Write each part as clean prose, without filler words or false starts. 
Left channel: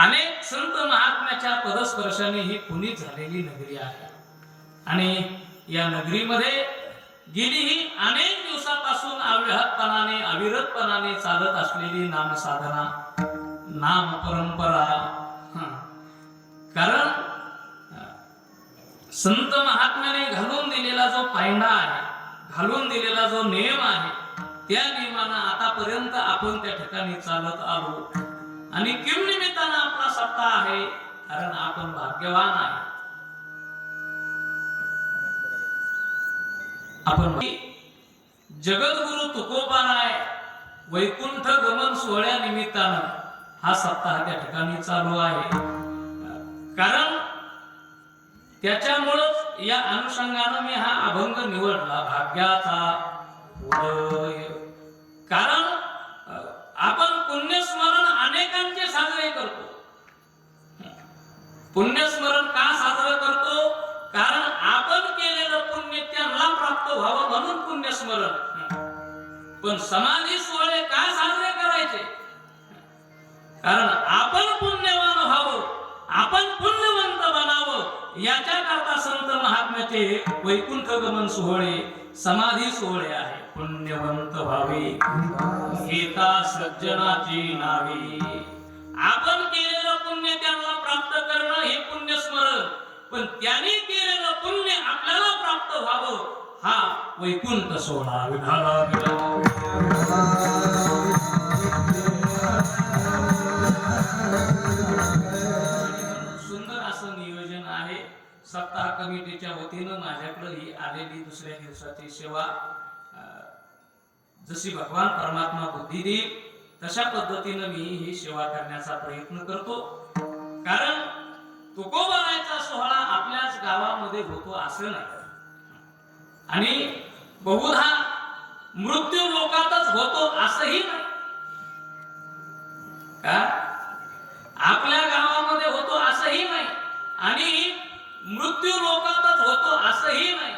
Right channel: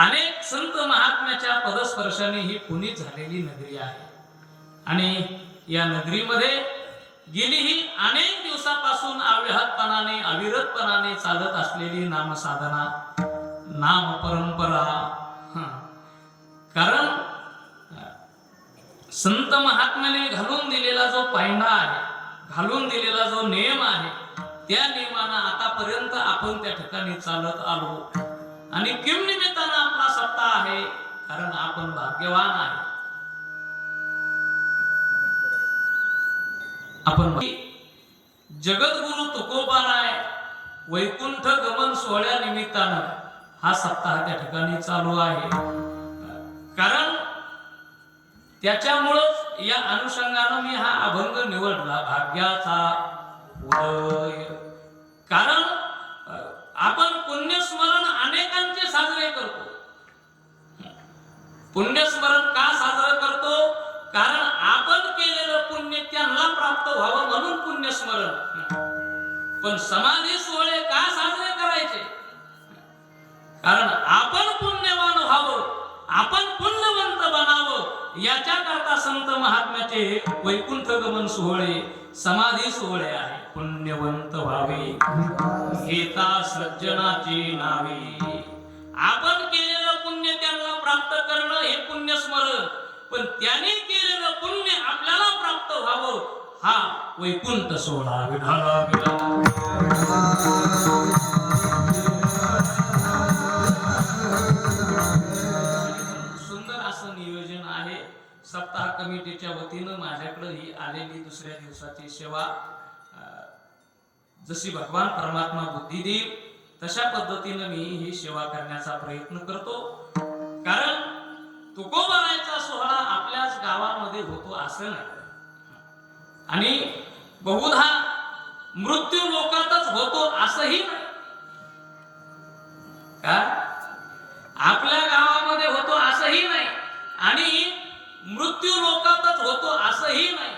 अनेक संत महात्म्याच्या पदस्पर्शाने ही पुनीत झालेली नगरी आहे आणि या नगरीमध्ये गेली ही अनेक दिवसापासून अव्याहतपणाने अविरतपणाने चालत असलेली नामसाधना नाम परंपरा। कारण संत महात्म्याने घालून दिलेला जो पायंडा आहे, घालून दिलेला जो नियम आहे, त्या नियमानं आतापर्यंत आपण त्या ठिकाणी चालत आलो आणि किम निमित्तानं आपला सप्ताह आहे, कारण आपण भाग्यवान आहे। आपण जगद्गुरु तुकोबाराय वैकुंठ गमन सोहळ्या निमित्तानं हा सप्ताह त्या ठिकाणी चालू आहे। कारण त्याच्यामुळेच या अनुषंगानं मी हा अभंग निवडला, भाग्याचा उदय। कारण आपण पुण्यस्मरण अनेकांचे साजरे करतो। पुण्यस्मरण का साजरे करतो? कारण आपण केलेलं पुण्य त्यांना प्राप्त व्हावं म्हणून पुण्यस्मरण। पण समाधी सोहळे का साजरे करायचे? कारण आपण पुण्यवान व्हावं, आपण पुण्यवंत बनावं, याच्याकरता संत महात्म्याचे वैकुंठ गमन सोहळे, समाधी सोहळे आहे। पुण्यवंत व्हावे एका सज्जनाची नावे। आपण केलेलं पुण्य त्यांना प्राप्त करणं हे पुण्यस्मरण, पण त्यांनी केलेलं पुण्य आपल्याला प्राप्त व्हावं हा वैकुंठ सोहळा। सुंदर असं नियोजन आहे। सप्ताह कमिटीच्या वतीनं माझ्याकडे ही आलेली दुसऱ्या दिवसाची सेवा, जशी भगवान परमात्मा बुद्धी देईल तशा पद्धतीनं मी ही सेवा करण्याचा प्रयत्न करतो। कारण तुकोबारायचा सोहळा आपल्याच गावामध्ये होतो असं नाही, आणि बहुधा मृत्यू लोकातच होतो असंही नाही। का आपल्या गावामध्ये होतो असंही नाही आणि मृत्यू लोकातच होतो असंही नाही।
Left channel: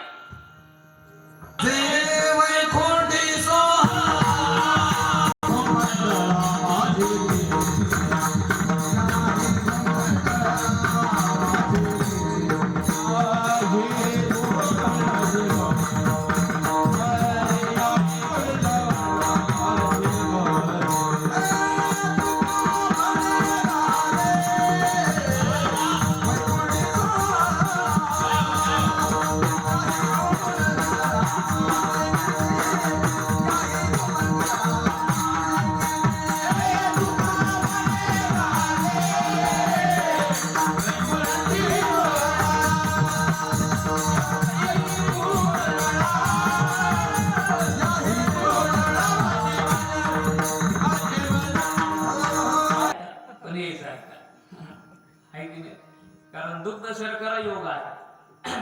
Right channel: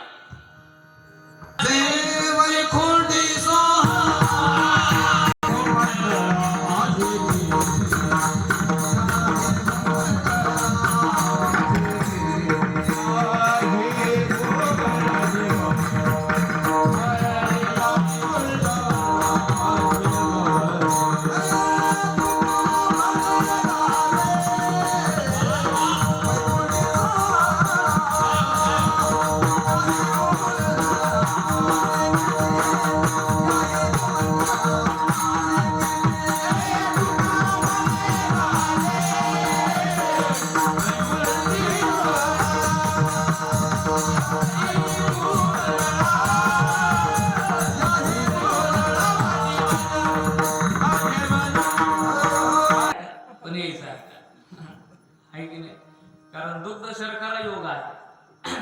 कारण दुग्ध शर्करा योग आहे।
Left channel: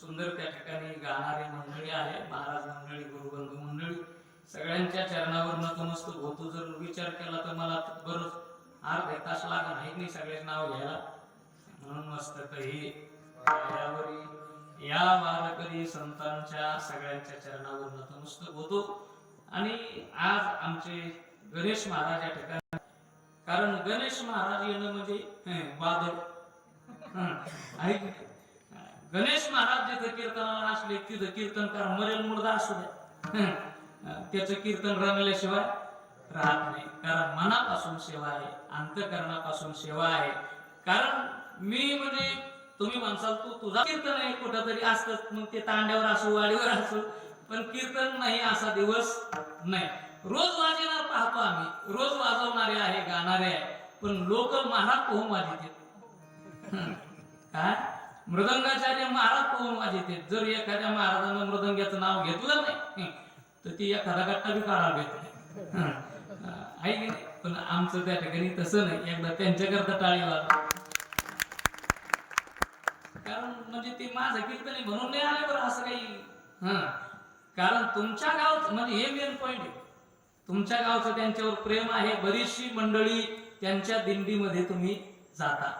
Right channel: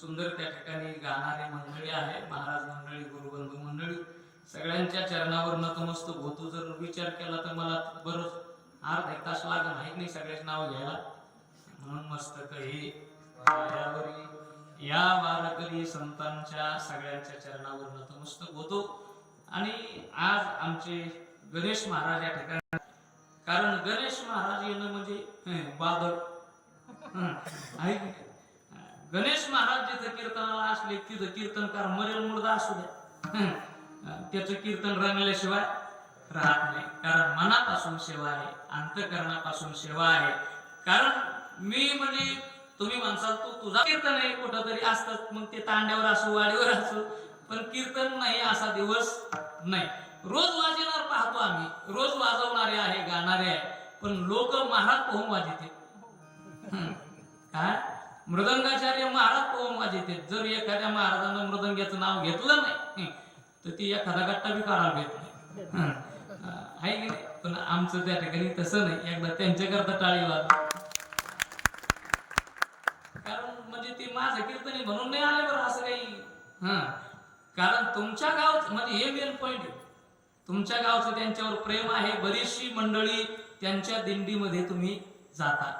सुंदर त्या ठिकाणी गाणारी मंडळी आहे, महाराज मंडळी, गुरुबंधू मंडळी, सगळ्यांच्या चरणावर नतमस्तक होतो। जर विचार केला तर मला बरंच अर्धा एक तास लागणार आहे नाही सगळ्याच नाव घ्यायला, म्हणून मस्तक हे या वारकरी संतांच्या सगळ्यांच्या चरणावर नतमस्तक होतो। आणि आज आमचे गणेश महाराज या ठिकाणी, कारण गणेश महाराज येणं म्हणजे बादल। गणेश महाराज जिथं कीर्तनाला असले तिथं कीर्तनकार मरेल मुर्दा असू द्या, त्याचं कीर्तन रंगल्याशिवाय राहत नाही। कारण मनापासून सेवा आहे, अंतःकरणापासून सेवा आहे। कारण मी म्हणजे तुम्ही म्हणसाल तू तुझा कीर्तन आहे कुठंतरी असतात, मग ते तांड्यावर असो वाडीवर असो, पण कीर्तन नाही असा दिवस नाही। रोज वाजवणार पाहतो आम्ही, रोज वाजवणारे आहे, गाणारे आहे, पण लोक महाराज पोहून वाजवते। काय मृदंगाचार्य महाराज पोहून वाजवते। जर एखाद्या महाराजांना मृदंगाचं नाव घेतलं नाही तर ती एखादा गट्टा बी काढा घेत नाही, आहे की नाही? पण आमचं त्या ठिकाणी तसं नाही, एकदा त्यांच्याकरता टाळी वाजव। कारण म्हणजे ते माझं कीर्तनी म्हणून नाही आले बरं असं काही। कारण तुमच्या गाव म्हणजे हे मेन पॉइंट आहे, तुमच्या गावचं त्यांच्यावर प्रेम आहे। बरीचशी मंडळी त्यांच्या दिंडीमध्ये तुम्ही जाता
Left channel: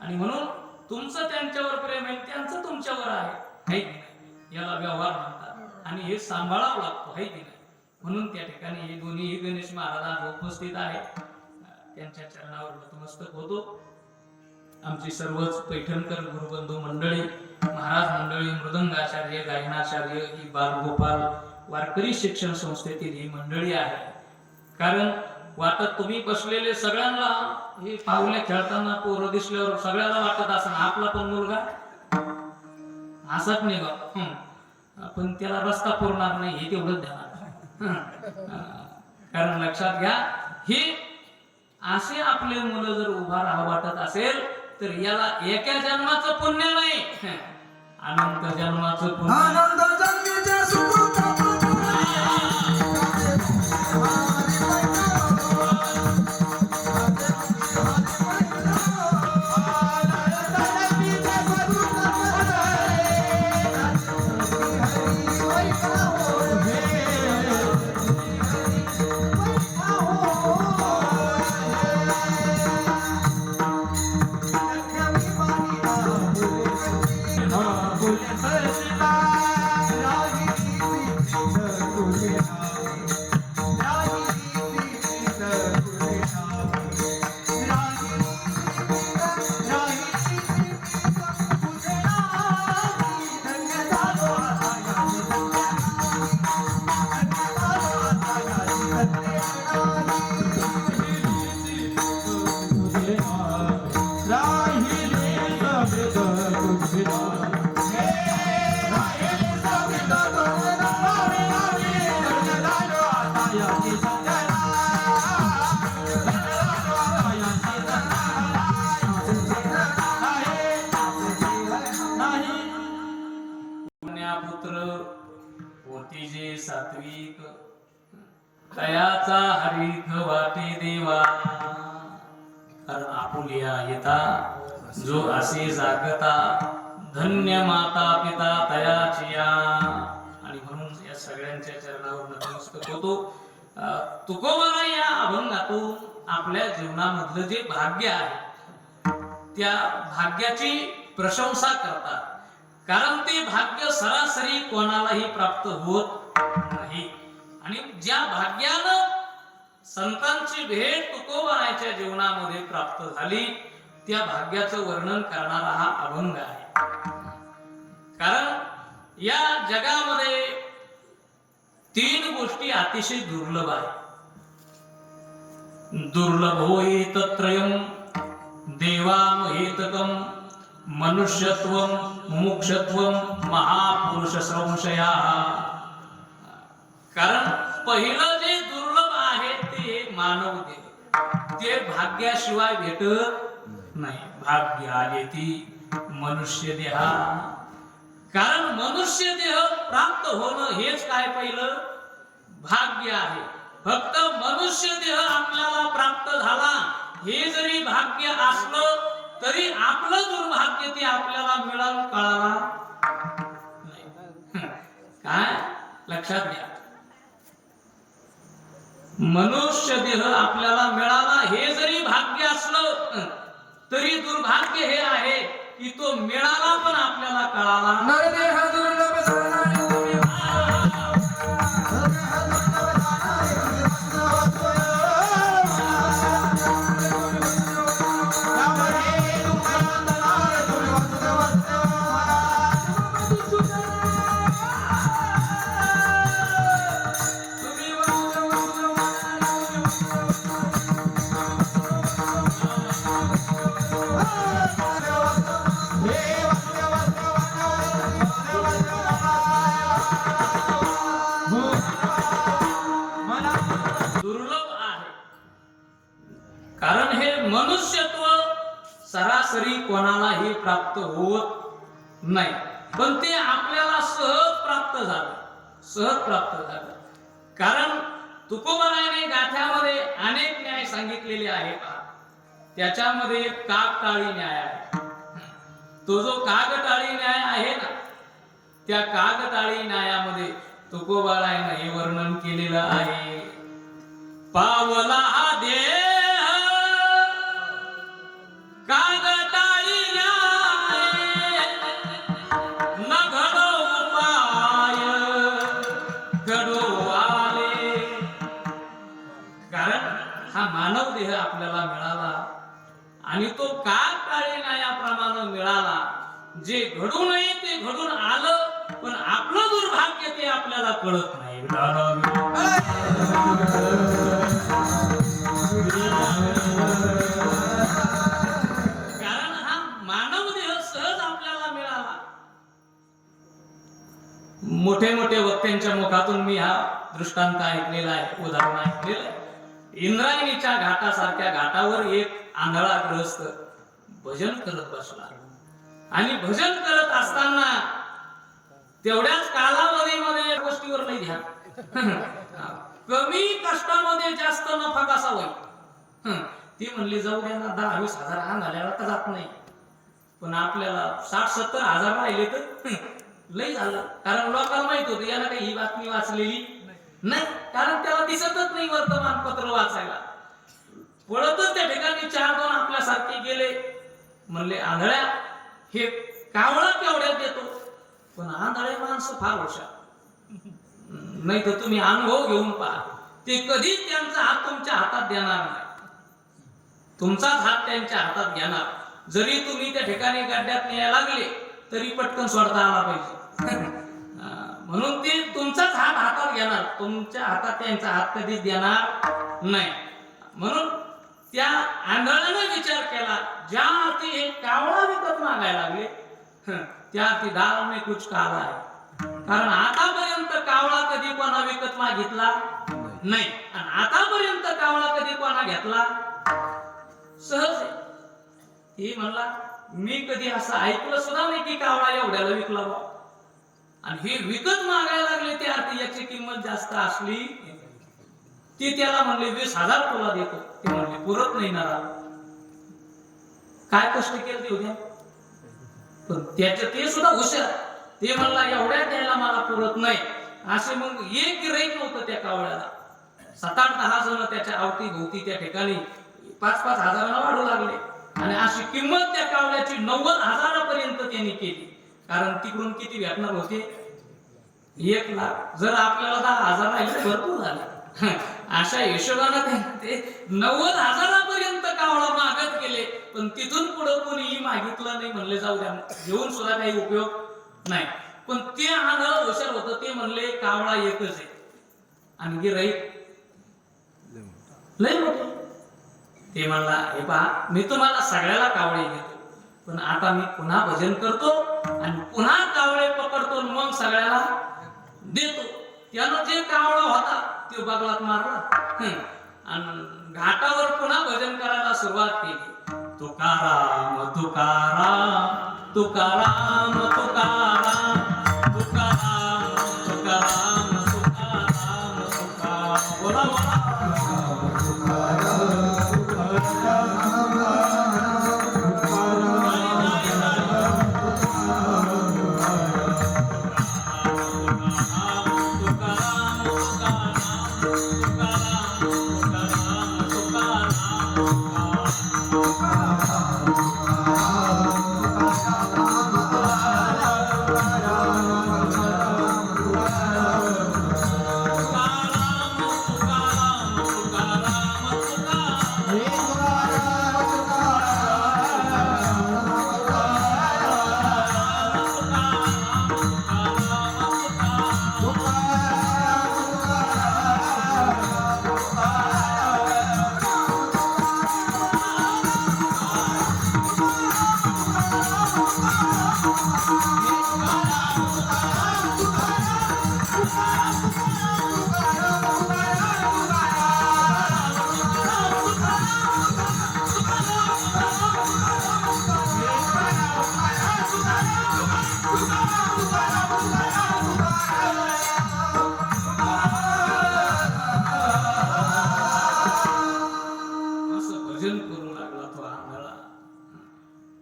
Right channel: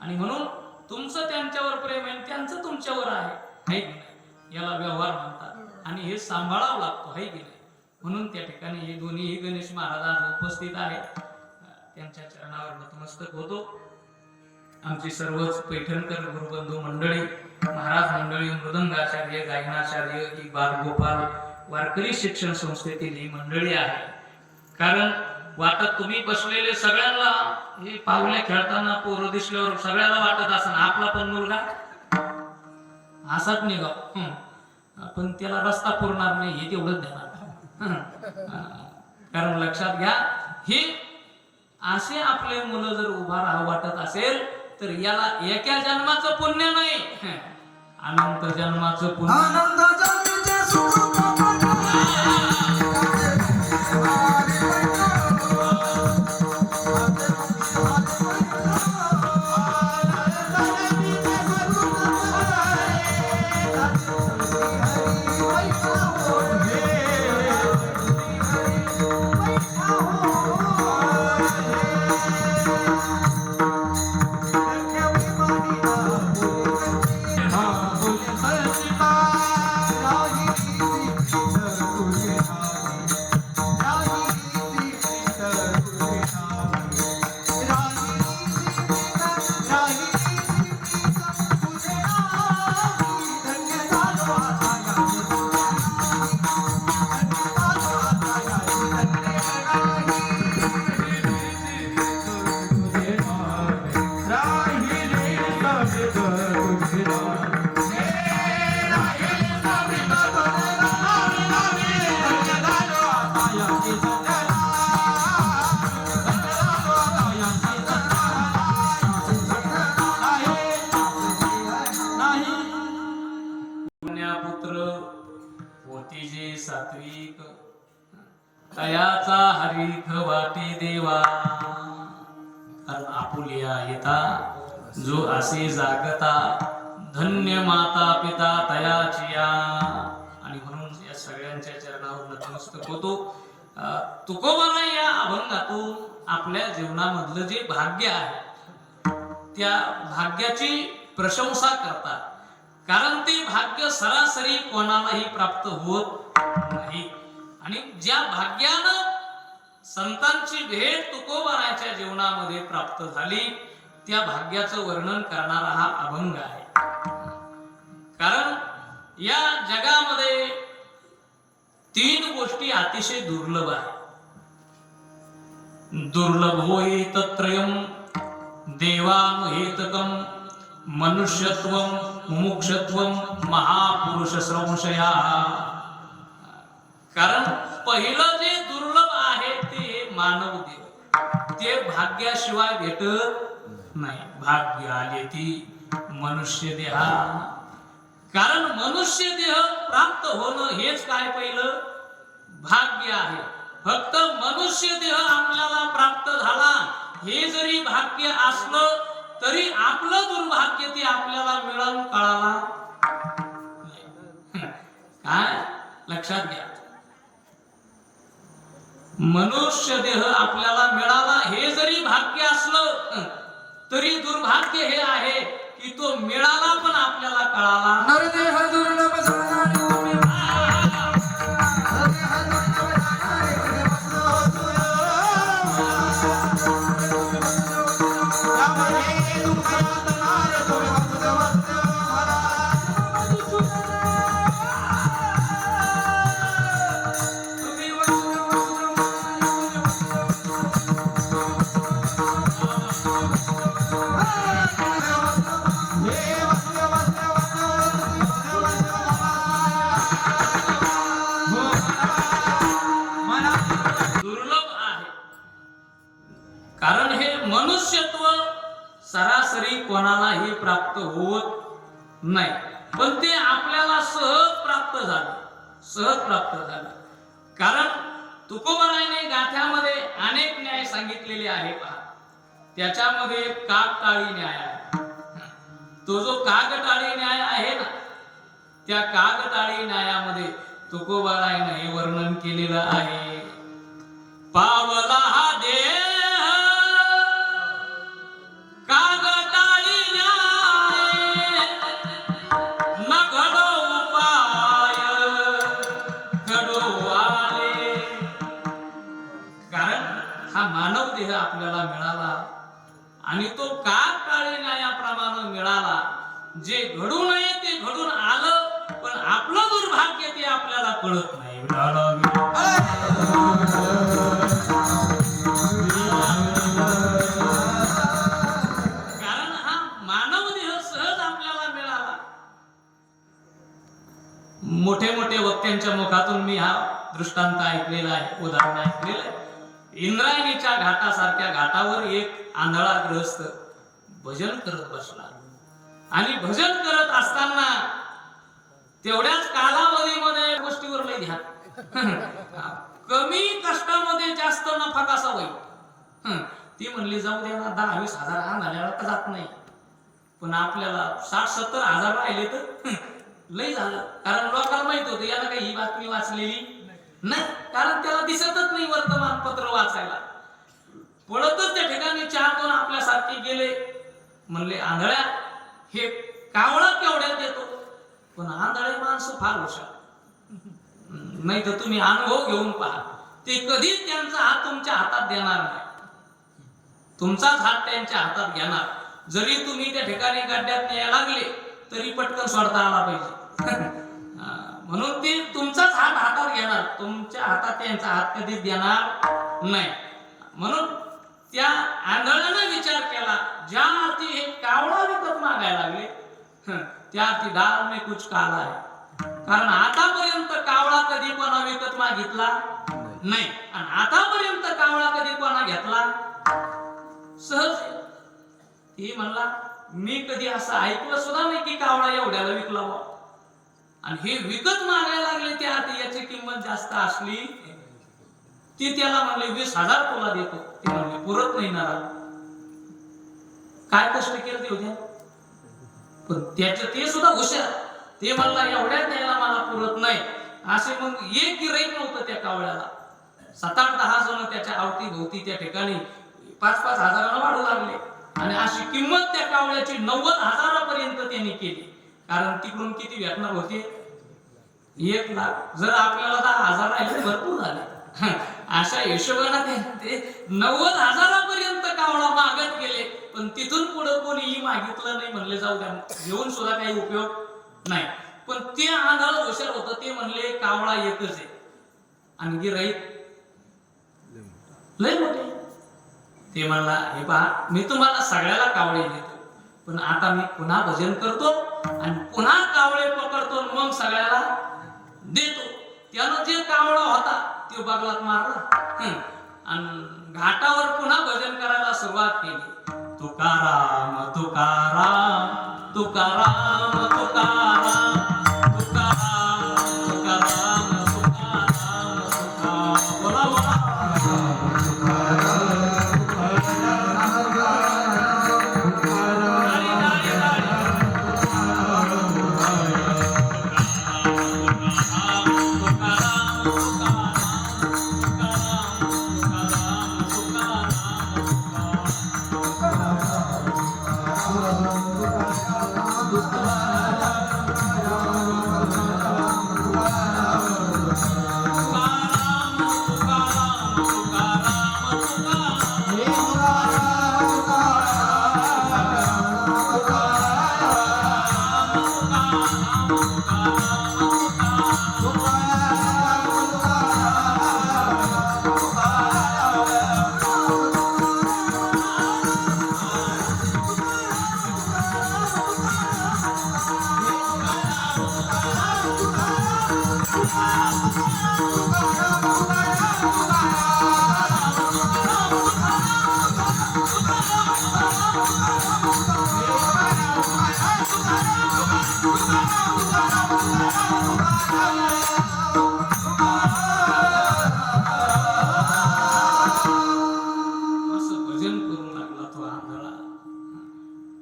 आणि म्हणून तुमचं त्यांच्यावर प्रेम आहे, त्यांचं तुमच्यावर आहे, याला व्यवहार म्हणतात आणि हे सांभाळावं लागतो, आहे की नाही? म्हणून त्या ठिकाणी हे दोन्ही गणेश महाराज उपस्थित आहेत। त्यांच्या चरणावर नतमस्तक होतो. आमची सर्वच पैठणकर गुरुबंधू मंडळी, महाराज मंडळी, मृदंगाचार्य, गायनाचार्य, ही बालगोपाल वारकरी शिक्षण संस्थेतील ही मंडळी आहे. कारण वाटत तुम्ही बसलेले सगळ्यांना हे पाहुणे खेळताना पोरं दिसल्यावर सगळ्याला वाटत असं आपला पण मुलगा असाच निघा, पण त्याला रस्ता पुरणार नाही हे तेवढंच ध्यानात. कारण लक्षात घ्या, हे असे आपले मुलं जर उभा राहा वाटत असेल तर याला एका जन्माचं पुण्य नाही, अनंत जन्माचं पुण्य. सात्विक तयाचा हरिक वाटे देवा, कारण आपुलिया येता जो असे जागता धन्य माता पिता तयाचिया. आणि म्हणून या सगळ्यांच्या चरणावर नतमस्तक होतो. तुकोबाला या अभंगातून आपल्या जीवनामधलं जे भाग्य आहे त्या भाग्याची प्रशंसा करतात. कारण ते भाग्य सरासरी कोणालाही प्राप्त होत नाही. आणि ज्या भाग्यानं संतांची भेट तुकोबाराच्या जीवनामध्ये प्राप्त झाली त्या भाग्याचं वर्णन करणारा हा अभंग आहे. कारण या जगामध्ये 3 गोष्टी अतिशय दुर्लभ आहेत. दुर्लभो त्रयम् देवानुहेतकम् मनुष्यत्वम मुमुक्षत्वम महापुरुष संशया. कारण पहिलं जे दुर्लभ आहे ते मानव देह, ते भाग्याशिवाय भेटत नाही. भाग्य आले ती मनुष्य देहा. कारण मनुष्य देह प्राप्त होणं हेच काय पहिलं भाग्य आहे. फक्त मनुष्य देह आपल्याला प्राप्त झाला हे जरी भाग्य असलं तरी आपलं दुर्भाग्य ते आपल्याला मिळून कळाला नाही. काय लक्षात घ्या, मनुष्य देह आपल्याला मिळाला हे जरी भाग्य असलं तरी दुर्भाग्य हे आहे की तो मिळाला पण आपल्याला कळाला. कारण हे मनुष्यत्व सरासरी कोणालाही प्राप्त होत नाही, पण ते आपल्याला सहज प्राप्त झालं. कारण तुकोबारायाने गाथ्यामध्ये अनेक न्याय सांगितलेले आहेत. त्याच्यामध्ये कागटाळी न्याय आहे. तो जो कागटाळी न्याय आहे ना, त्या कागटाळी न्यायामध्ये तुकोबारायाने हे वर्णन केलेलं आहे. पावला हा देह कागटाळी न्याय न घडो उपाय घडो आले. कारण हा मानव देह आपल्याला मिळाला आणि तो का काळे नायाप्रमाणे मिळाला. जे घडू नये ते घडून आलं, पण आपलं दुर्भाग्य ते आपल्याला कळत नाही. कारण हा मानव देह सहज आपल्याला मिळाला. मोठे मोठे वक्त्यांच्या मुखातून मी हा दृष्टांत ऐकलेला आहे, उदाहरण ऐकलेलं आहे. इंद्रायणीच्या घाटासारख्या घाटावर एक आंधळा गृहस्थ भजन करत बसला आणि भजन करत असताना तेवढ्याच कालावधीमध्ये गोष्टीवर नाही ध्यान, कमी कष्टामध्ये जास्त नफा कसा होईल. ती म्हणली जाऊ द्या ना, 10-20 हजार आणायला का जात नाही, पण आपल्याला 60-70 हजार राहिले तर लई झालं. कारण लोकांना माहित होतं याला काही ही बातमी वाचलेली नाही, कारण त्याला दिसतच नाही वर्तमानपत्र वाचायला. पळतच त्या ठिकाणी 4-2 आपल्यासारखे गेले. म्हणले आंधळ्या, हे कावळा केवढ्यात देतो, पण आंधळ्या माणसं फार हुशार, नाही तर तुम्ही अनुभव घेऊन पहा, ते कधीच त्यांचा हात तुमच्या हातात देणार नाही, तुमचाच हात त्यांच्या हातात घेणार. जरी तुम्ही त्या ठिकाणी गड्ड्यात न्यायला लागले तरी पटकन सोडता आला पाहिजे. म्हणून ते तुमचाच हात हातात घेणार, तुमच्या हातात त्यांचा हात कधीच देणार नाही. म्हणून त्या आंधळ्याने विचार केला, ज्या अर्थी हे कावळा विकत मागायला लागले त्या अर्थी दाल में कुछ काला आहे. कारण आतापर्यंत कावळा कधी कोणा विकत मागितला नाही, आणि आतापर्यंत कावळा कधी कोणा घेतला सहज. हे म्हणला मी कधी असं ऐकलं सुद्धा नाही की कावळा एवढ्याला विकला बा. आणि हे विकत मागायला लागले त्या अर्थी याची किंमत जास्त असली. ते त्याला म्हणले 20,000 तुला देतो. ते म्हणले पुरत नाही ना, काय कष्ट केलं ते उद्या. पण त्याचे ते सुद्धा हुशार, ते म्हणला एवढ्या द्यायला मला पुरत नाही. असे मग एक गिऱ्हाईक नव्हतं त्या कावळ्याला. 7-8-10 जण त्याच्या अवती भोवती त्या ठिकाणी 5-5 हजाराला वाढू लागले. आणि अशी किंमत त्या कावळ्याची 90,000 त्यांनी केली. कारण तिकडून किती भेटणार होते, 1 लाख. जर आपल्याला 10,000 राहिले भरपूर झाले. अशा हिशोबाने ते 90,000 कावळा मागत गेले. पण तिथून पुढे कोणीही मागितलं नाही, म्हणले जाऊ द्या, घेऊन सुद्धा काही उपयोग नाही. पण ते आंधळ हुशार होतं, ते म्हणले कावळा एकच आहे आणि गिऱ्हाईक लय मोठे. ते म्हणला हे पहा, मी तुम्हाला सगळ्याला कावळे देतो, पण आता मी पुन्हा भजन करतो आणि पुन्हा कावळे पकडतो, मग सगळ्याला देतो. त्यानं जे कावळा होता तो बगलात मारला आणि घाटावर पुन्हा भजन करायला सुरुवात केली. तुकाराम तुकाराम तुकाराम तुकाराम तुकाराम तुकाराम तुकाराम तुकाराम. बोला बोला.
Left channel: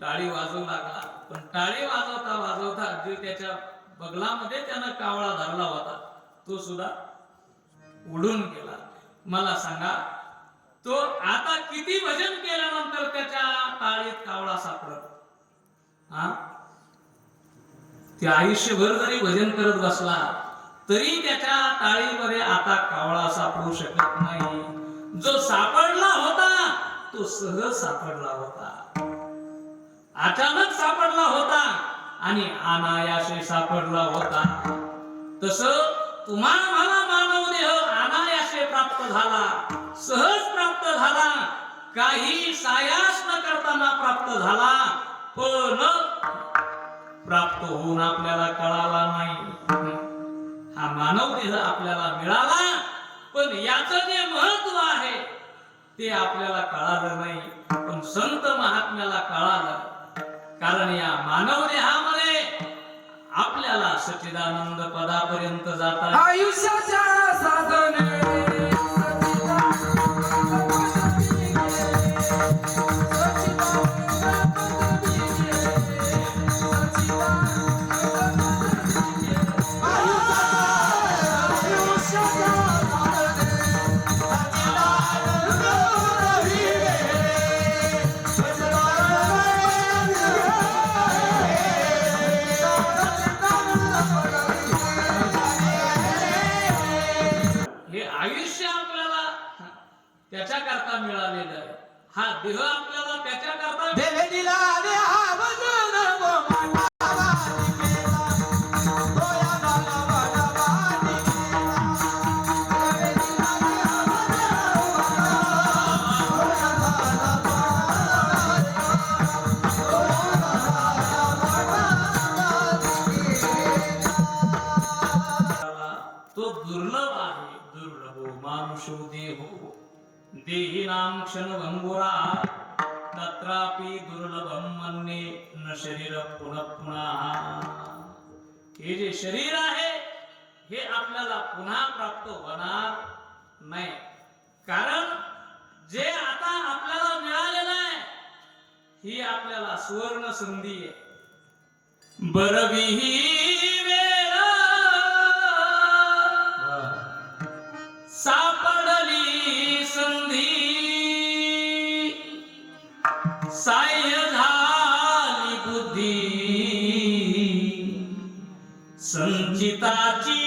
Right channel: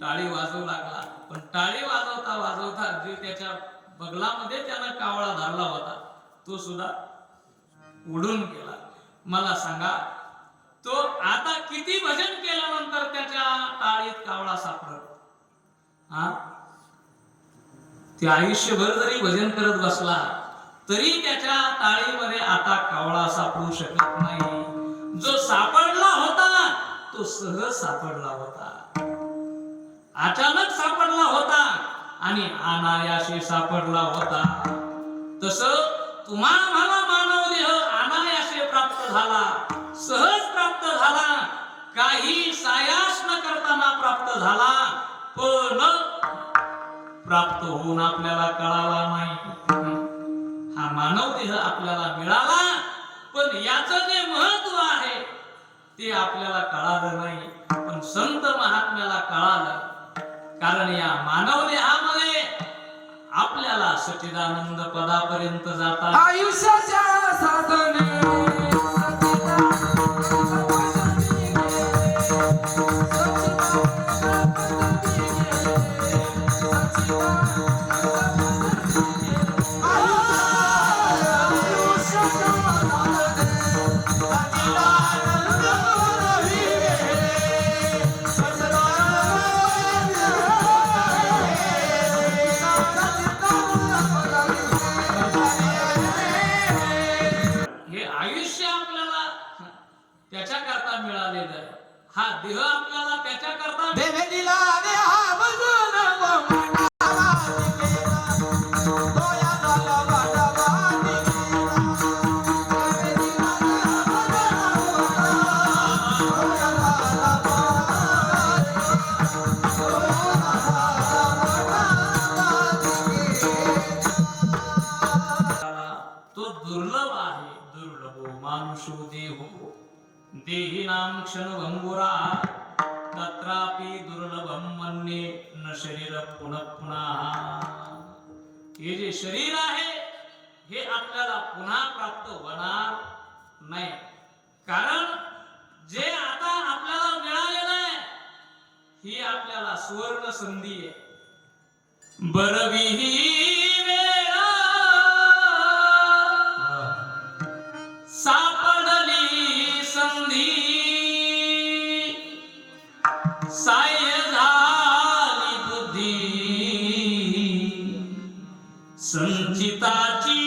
टाळी वाजवू लागला. पण टाळी वाजवता वाजवता जे त्याच्या बगलामध्ये त्यानं कावळा धरला होता तो सुद्धा उडून गेला. मला सांगा, तो आता किती भजन केल्यानंतर त्याच्या टाळीत कावळा सापडत? ते आयुष्यभर जरी भजन करत बसला तरी त्याच्या टाळीमध्ये आता कावळा सापडू शकत नाही. जो सापडला होता तो सहज सापडला होता, अचानक सापडला होता आणि अनायासे सापडला होता. तसं तुम्हा मला मानव देह अनायासे प्राप्त झाला, सहज प्राप्त झाला, काही सायास न करताना प्राप्त झाला, पण प्राप्त होऊन आपल्याला कळाला नाही. हा मानव देह आपल्याला मिळाला, पण याचं जे महत्व आहे ते आपल्याला कळालं नाही. पण संत महात्म्याला कळालं, कारण या मानव देहामध्ये आपल्याला सच्चिदानंद पदापर्यंत जाता आयुष्याच्या साधने त्याच्याकरता मिळालेला आहे. हा देह आपल्याला त्याच्याकरता देवे दिला तो दुर्लभ आहे. दुर्लभो मानुषो देहो देहिनां क्षणभंगुरा तत्रापि दुर्लभम मन्ये न शरीर पुनः पुनः. हे जे शरीर आहे हे आपल्याला पुन्हा प्राप्त होणार नाही, कारण जे आता आपल्याला मिळालेलं आहे ही आपल्याला सुवर्ण संधी आहे. बरविही वेळा सापडली संधी, साह्य झाली बुद्धी संचिताची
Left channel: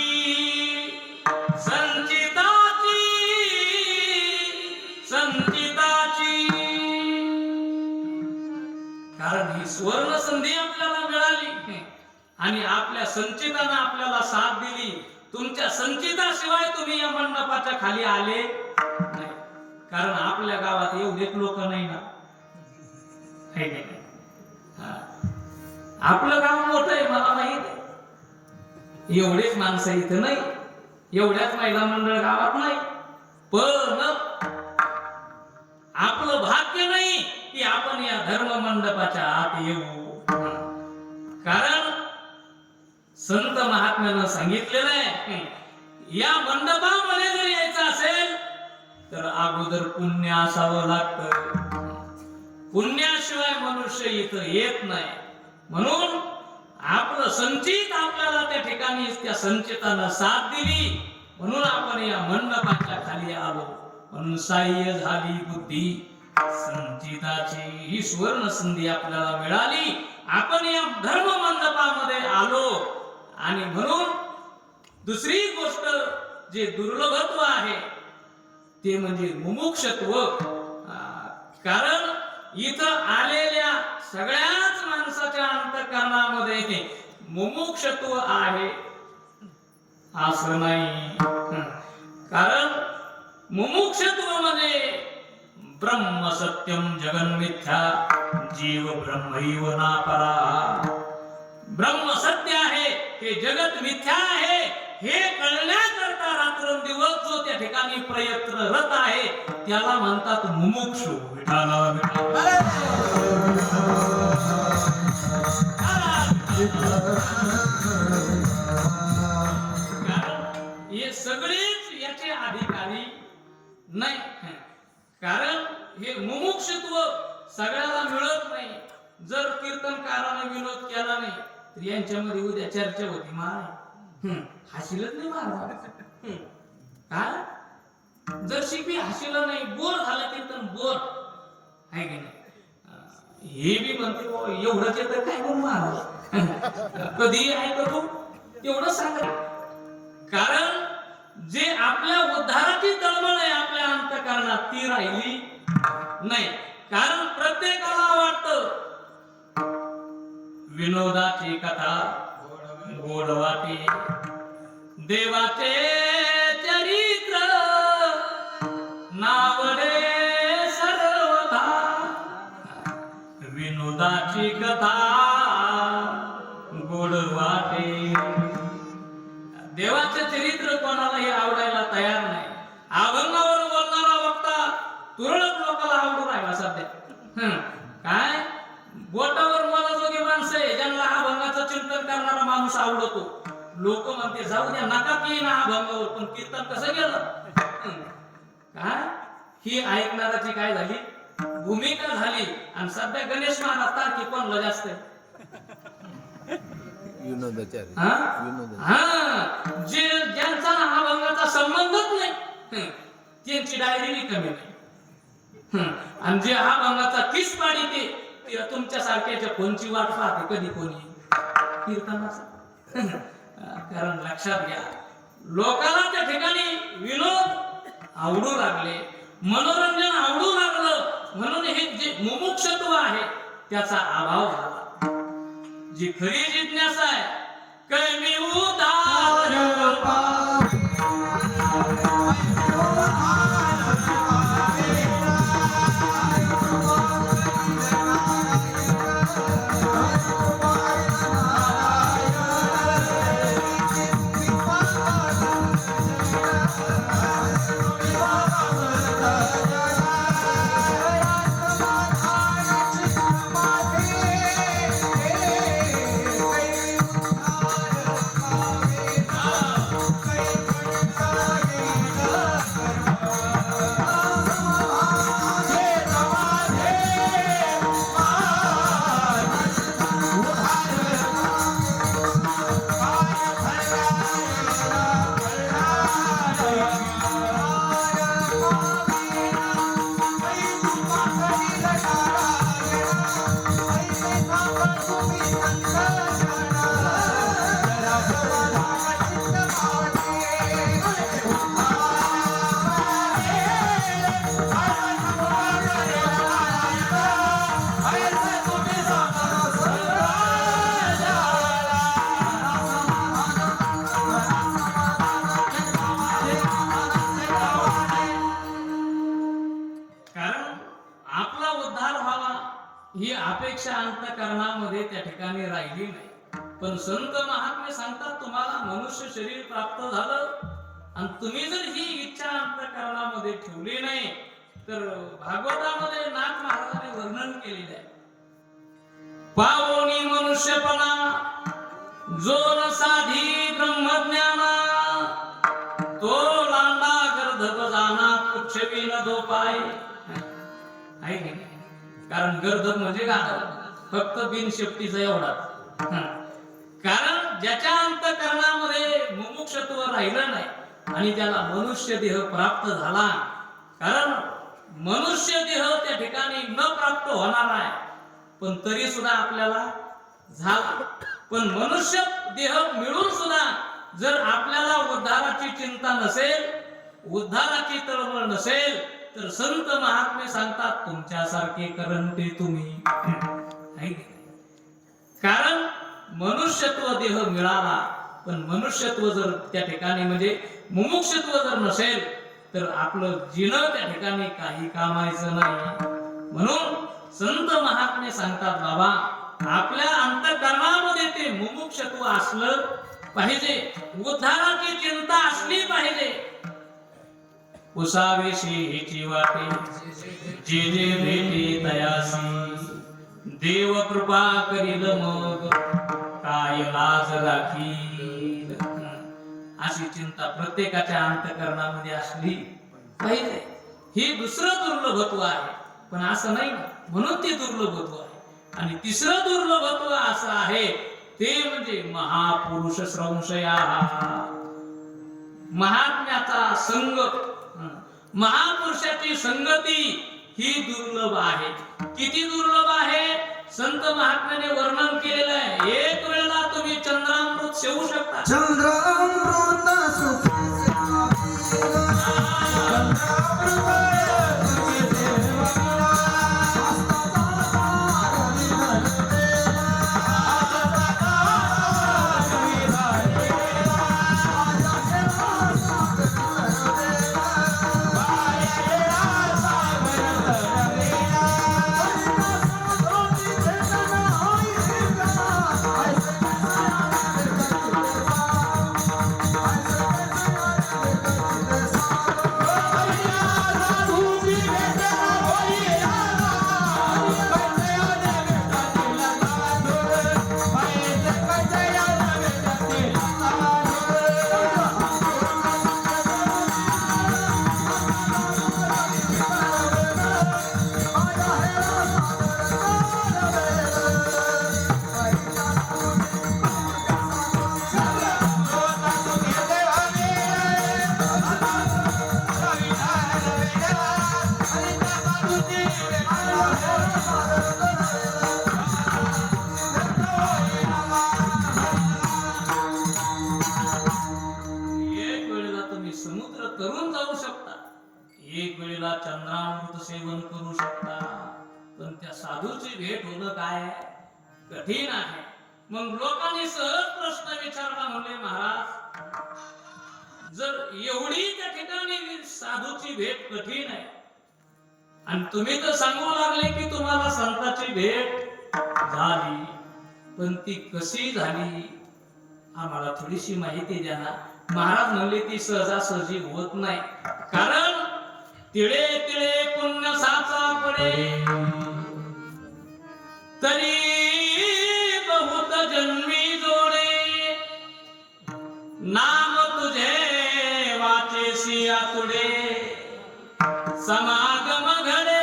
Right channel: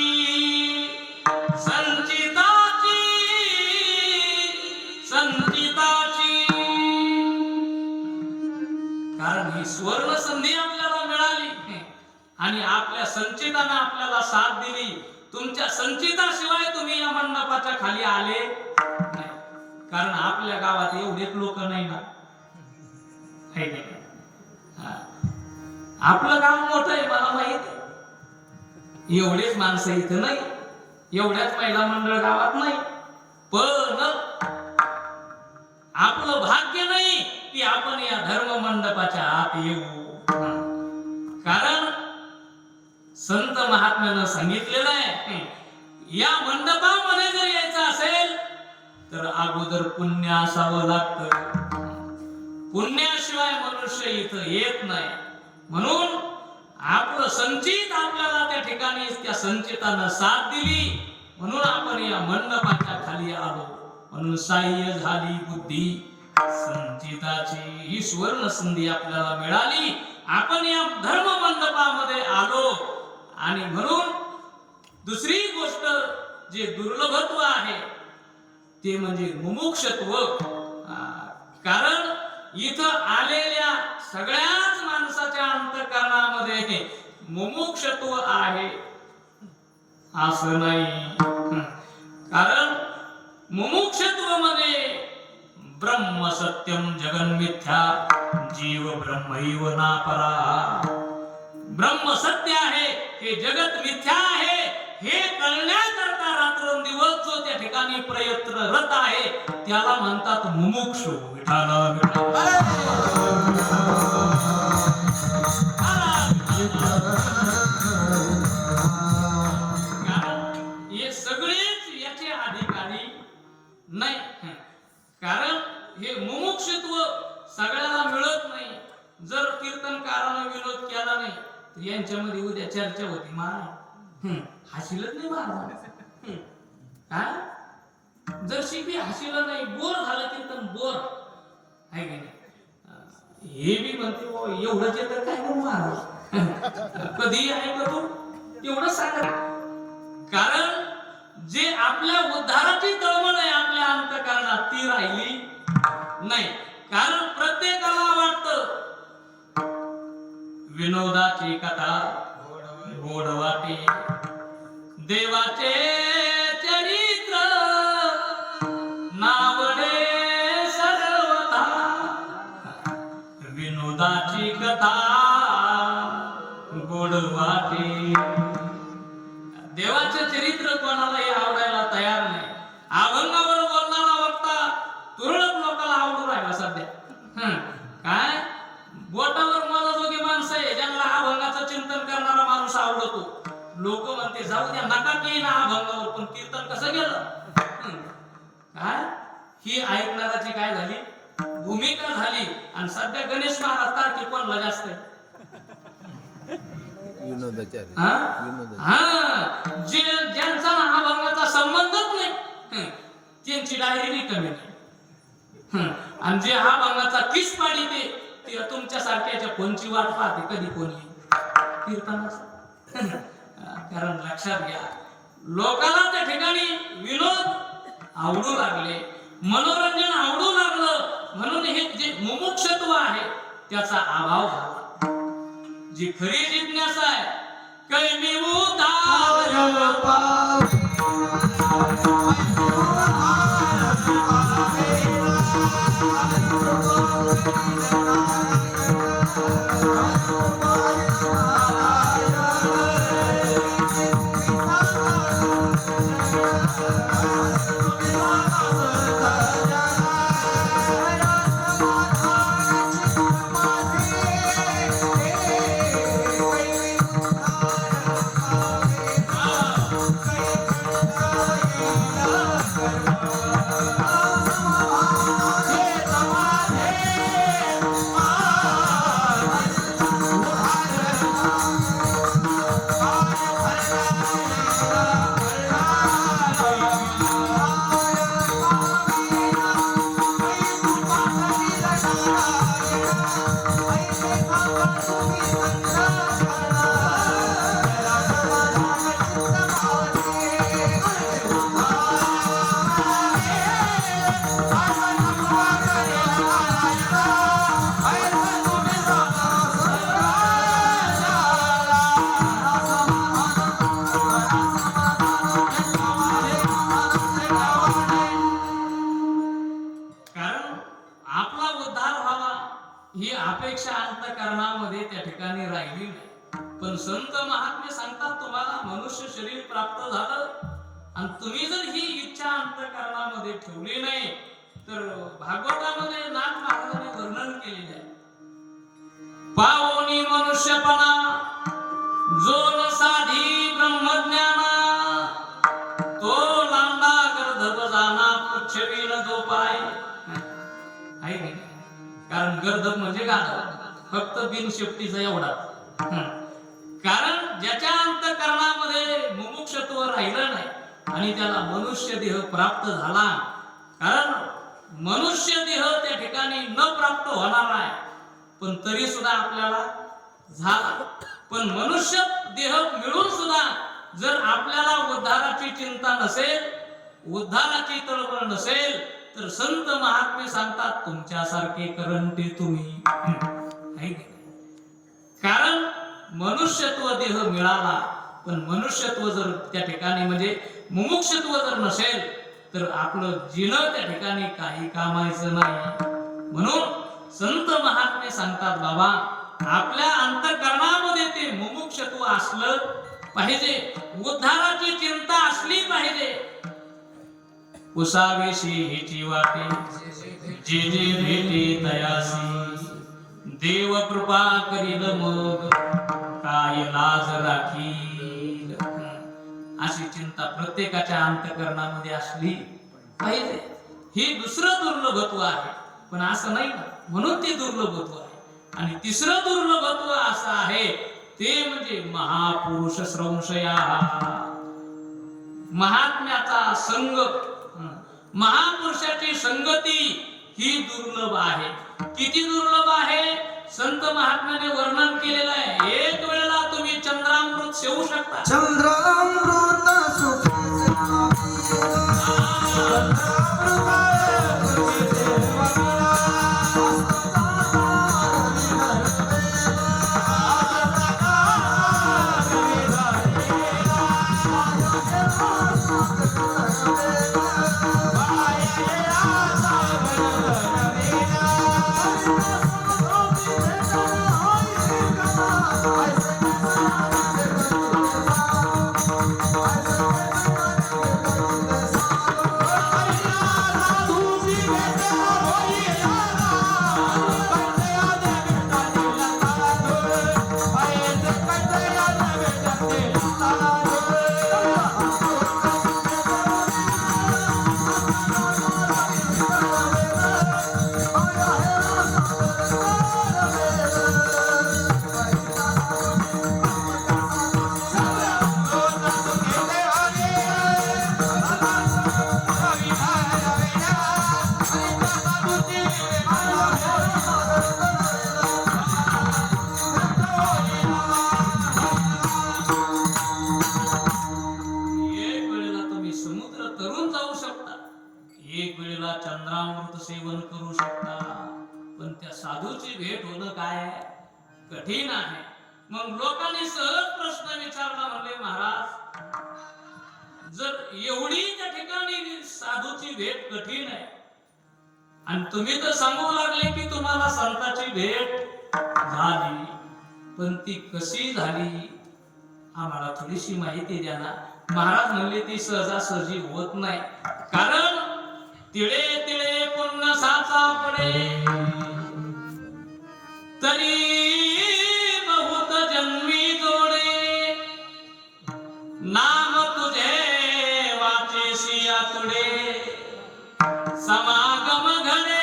संचिताची संचिताची. कारण ही सुवर्ण संधी आपल्याला मिळाली आणि आपल्या संचितानं आपल्याला साथ दिली. तुमच्या संचिताशिवाय तुम्ही या मंडपाच्या खाली आले नाही, कारण आपल्या गावात एवढेच लोक नाही ना. आपलं गाव मोठं आहे, मला माहित आहे. एवढेच माणसं इथं नाही, एवढ्याच महिला मंडळ गावात नाही, पण आपलं भाग्य नाही की आपण या धर्म मंडपाच्या आत येऊ. कारण संत महात्म्यानं सांगितलेलं आहे, या मंडपामध्ये जर यायचं असेल तर अगोदर पुण्य असावं लागतं. पुण्याशिवाय मनुष्य इथं येत नाही. म्हणून आपलं संचित आपल्याला त्या ठिकाणी त्या संचितानं साथ दिली, म्हणून आपण या मंडपाच्या खाली आलो. म्हणून साह्य झाली बुद्धी संचिताची. ही सुवर्ण संधी आपल्याला मिळाली, आपण या धर्म मंडपामध्ये आलो. आणि म्हणून दुसरी गोष्ट जे दुर्लभत्व आहे ते म्हणजे मुमुक्षत्व. कारण इथं आलेल्या सगळ्याच माणसाच्या अंतःकरणामध्ये मुमुक्षत्व आहे असं नाही. कारण मुमुक्षत्व मध्ये ब्रह्म सत्यम जगन मिथ्या जीव ब्रह्मैव नापरा. ब्रह्म सत्य आहे, हे जगत मिथ्या आहे, हे कळण्याकरता रात्रंदिवस जो त्या ठिकाणी प्रयत्नरत आहे त्याला म्हणतात मुमुक्षु. हे सगळेच याचे अधिकारी नाही, कारण हे मुमुक्षत्व सगळ्याला मिळत नाही. जर कीर्तनकारानं विनोद केला नाही तर यांच्यामध्ये उद्या चर्चा होती, महाराज हसीलच नाही महाराज. काय जर शिकवी हसीला नाही, बोर झालं कीर्तन बोर आहे का नाही. हे बी म्हणते एवढंच येतं काय करू महाराज, कधी आहे का तू एवढं सांगा. कारण जे आपल्या उद्धाराची तळमळ आहे आपल्या अंतःकरणात ती राहिली नाही, कारण प्रत्येकाला वाटतं विनोदाची कथा गोड वाटे, देवाचे चरित्र नावडे सर्वथा, विनोदाची कथा गोड वाटे. देवाचे चरित्र कोणालाही आवडायला तयार नाही. अभंगावर बोलणारा वक्ता तुरळक लोकांना आवडून राहिला सध्या. काय बोटावर मोजाजोगी माणसं आहे ज्यांना अभंगाचं चिंतन करणारा माणूस आवडतो. लोक म्हणते जाऊ द्या नका की ना अभंगावर, पण कीर्तन कसं गेलं. काय ही ऐकणाराची काय झाली भूमिका झाली. आणि सध्या गणेश महाराज तारखे कोणला जास्त जे ज्यांचा अभंगाचा संबंधच नाही त्यांची डायरी कमी नाही. आणि जे अभंगाचा किस पाडी ते तुमच्या सारख्याच्या कोणची वाट पाहते कधी कोणी कीर्तनाचा. कारण लक्षात घ्या लोकांना त्या ठिकाणी विनोद आवडू लागले, मनोरंजन आवडू लागलं, म्हणून हे जे मुमुक्षत्व आहे त्याचा अभाव झाला. जी खरी जिज्ञासा आहे कमी उदार ही अपेक्षा अंतःकरणामध्ये त्या ठिकाणी राहिली नाही. पण संत महात्मे सांगतात तुम्हाला मनुष्य शरीर प्राप्त झालं आणि तुम्ही जर ही इच्छा अंतःकरणामध्ये ठेवली नाही तर भागवतामध्ये नाथ महाराजांनी वर्णन केलेले आहे. पावनी मनुष्यपणा जो न साधी ब्रह्मज्ञाना तो लांडा गर्धब जाना पुच्छवी न जो पाय. आहे की नाही? कारण गर्दभ म्हणजे गाढव, फक्त बिनशेपटीचा एवढा. कारण ज्याच्या अंतःकरणामध्ये मुमुक्षत्व राहिलं नाही आणि त्याला मनुष्य देह प्राप्त झाला, कारण मनुष्य देह त्या ठिकाणी न प्राप्त होणार आहे पण तरी सुद्धा आपल्याला झाला. पण मनुष्य देह मिळून सुद्धा जर आपल्याला उद्धाराची चिंता नसेल, उद्धाराची तळमळ नसेल तर संत महात्मे सांगतात तुमच्यासारखे करंटे तुम्ही. कारण मनुष्यत्व देह मिळाला पण मनुष्यत्व जर त्या ठिकाणी म्हणजे मुमुक्षत्व जर नसेल तर आपलं जीवन त्या ठिकाणी काही कामायचं नाही. म्हणून संत महात्मे सांगतात बाबा आपल्या अंतःकरणामध्ये ते मुमुक्षत्व असलं पाहिजे, उद्धाराची चिंता असली पाहिजे. उसावेशी हिची वाटे जे जे भेटे तयासी देव कृपा करील मग काय लाज राखील. अशी चिंता प्रत्येकाच्या अंतःकरणामध्ये असली पाहिजे. हे दुसरं दुर्लभत्व आहे पण असं नाही ना, म्हणून ते दुर्लभत्व आहे. आणि तिसरं दुर्लभत्व असं आहे ते म्हणजे महापुरुष संशया, महात्म्याचा संग, महापुरुषाची संगती ही दुर्लभ आहे. किती दुर्लभ आहे संत महात्म्याने वर्णन केलेलं आहे. एक वेळेला तुम्ही चंद्रामृत सेवू शकता. चंद्रामृत सुख साधूची भेट होणं काय आहे? कठीण आहे. मग लोकांनी सहज प्रश्न विचारला, म्हणले महाराज, जर एवढी त्या ठिकाणी साधूची भेट कठीण आहे आणि तुम्ही तर सांगू लागले की तुम्हाला संताची भेट झाली, पण ती कशी झाली आम्हाला थोडीशी माहिती द्या ना. महाराज म्हणले ती सहजासहजी होत नाही, कारण तिळे तिळे पुण्य साचा पडे, तरी बहुत जन्मी जोडे, नाम तुझे वाचेसी आतुडे, समागम घडे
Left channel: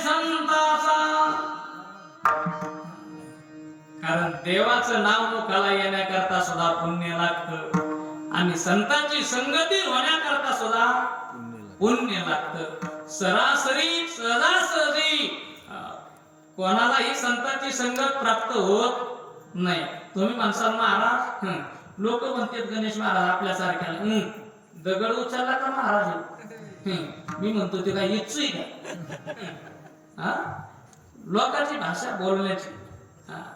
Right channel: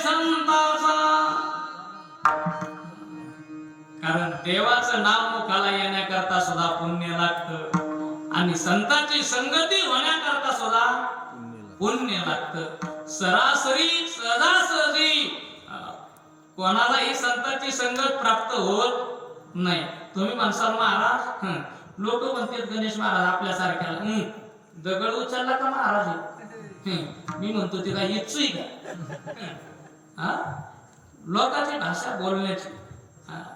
संताचा. कारण देवाचं नाव मुखाला येण्याकरता सुद्धा पुण्य लागतं आणि संतांची संगती होण्याकरता सुद्धा पुण्य लागतं. सरासरी सहजासहजी कोणालाही संतांची संगत प्राप्त होत नाही. तुम्ही म्हणसाल महाराज, लोक म्हणतात गणेश महाराज आपल्यासारख्याला दगड उचलला का महाराज? मी म्हणतो ते काय इच्छुई का? लोकांची भाषा बोलण्याची.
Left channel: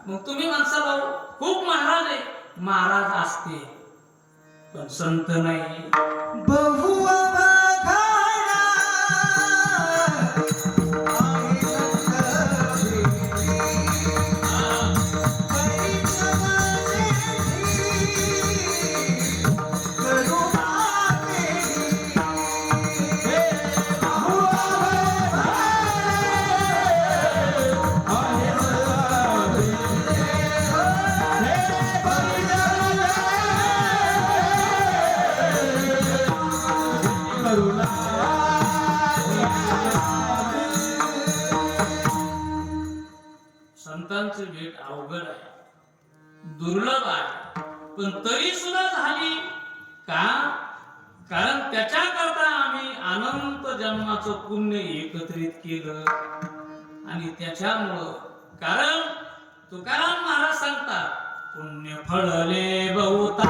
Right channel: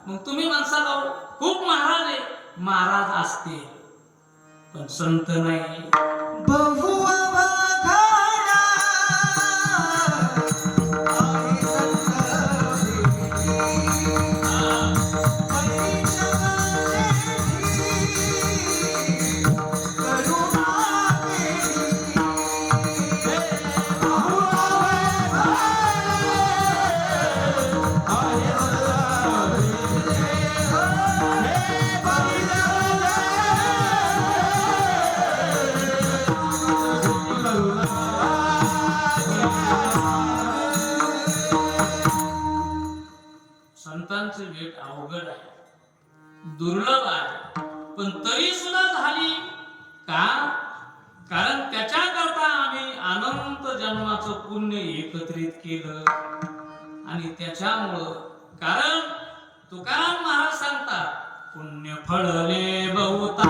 मग तुम्ही म्हणसाल खूप महाराज आहे. महाराज असते पण संत नाही. बहु अवघडा संतांची भेट अवघड आहे, दुर्लभ आहे, पण तरी सुद्धा झाली का? कारण त्याच्याकरता आम्ही अनंत जन्माचं पुण्य एकत्रित केलं आणि त्याच्यामुळं, कारण तुकाराम महाराज सांगतात, पुण्य फळले बहुता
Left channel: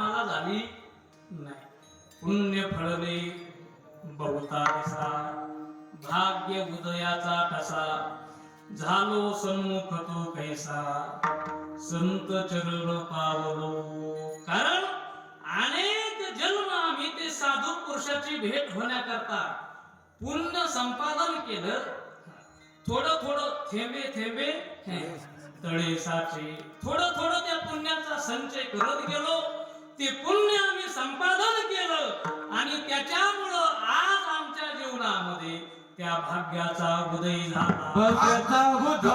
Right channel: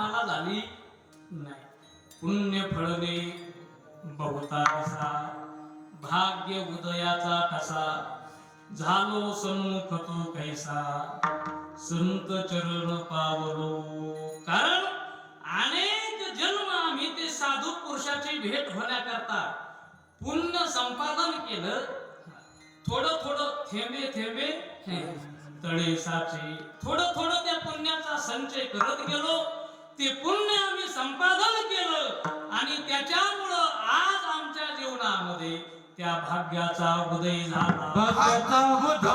आम्हाला झाली नाही. पुण्य फळले बहुता कसा, भाग्य उदयाचा कसा, झालो सन्मुख तो कैसा, संत चरण पावलो. कारण अनेक जन्म आम्ही ते साधू पुरुषाची भेट होण्याकरता पुण्य संपादन केलं. थोडं थोडं थेंबे थेंबे तळे साचे, थोडं थोडं त्या पुण्याचा संचय करत गेलो. ते पुण्य आम्ही संपादन केलं आणि त्याच्यामुळं आज आमच्या जीवनामध्ये त्या भाग्याचा उदय झाला. भाग्याचा उदय,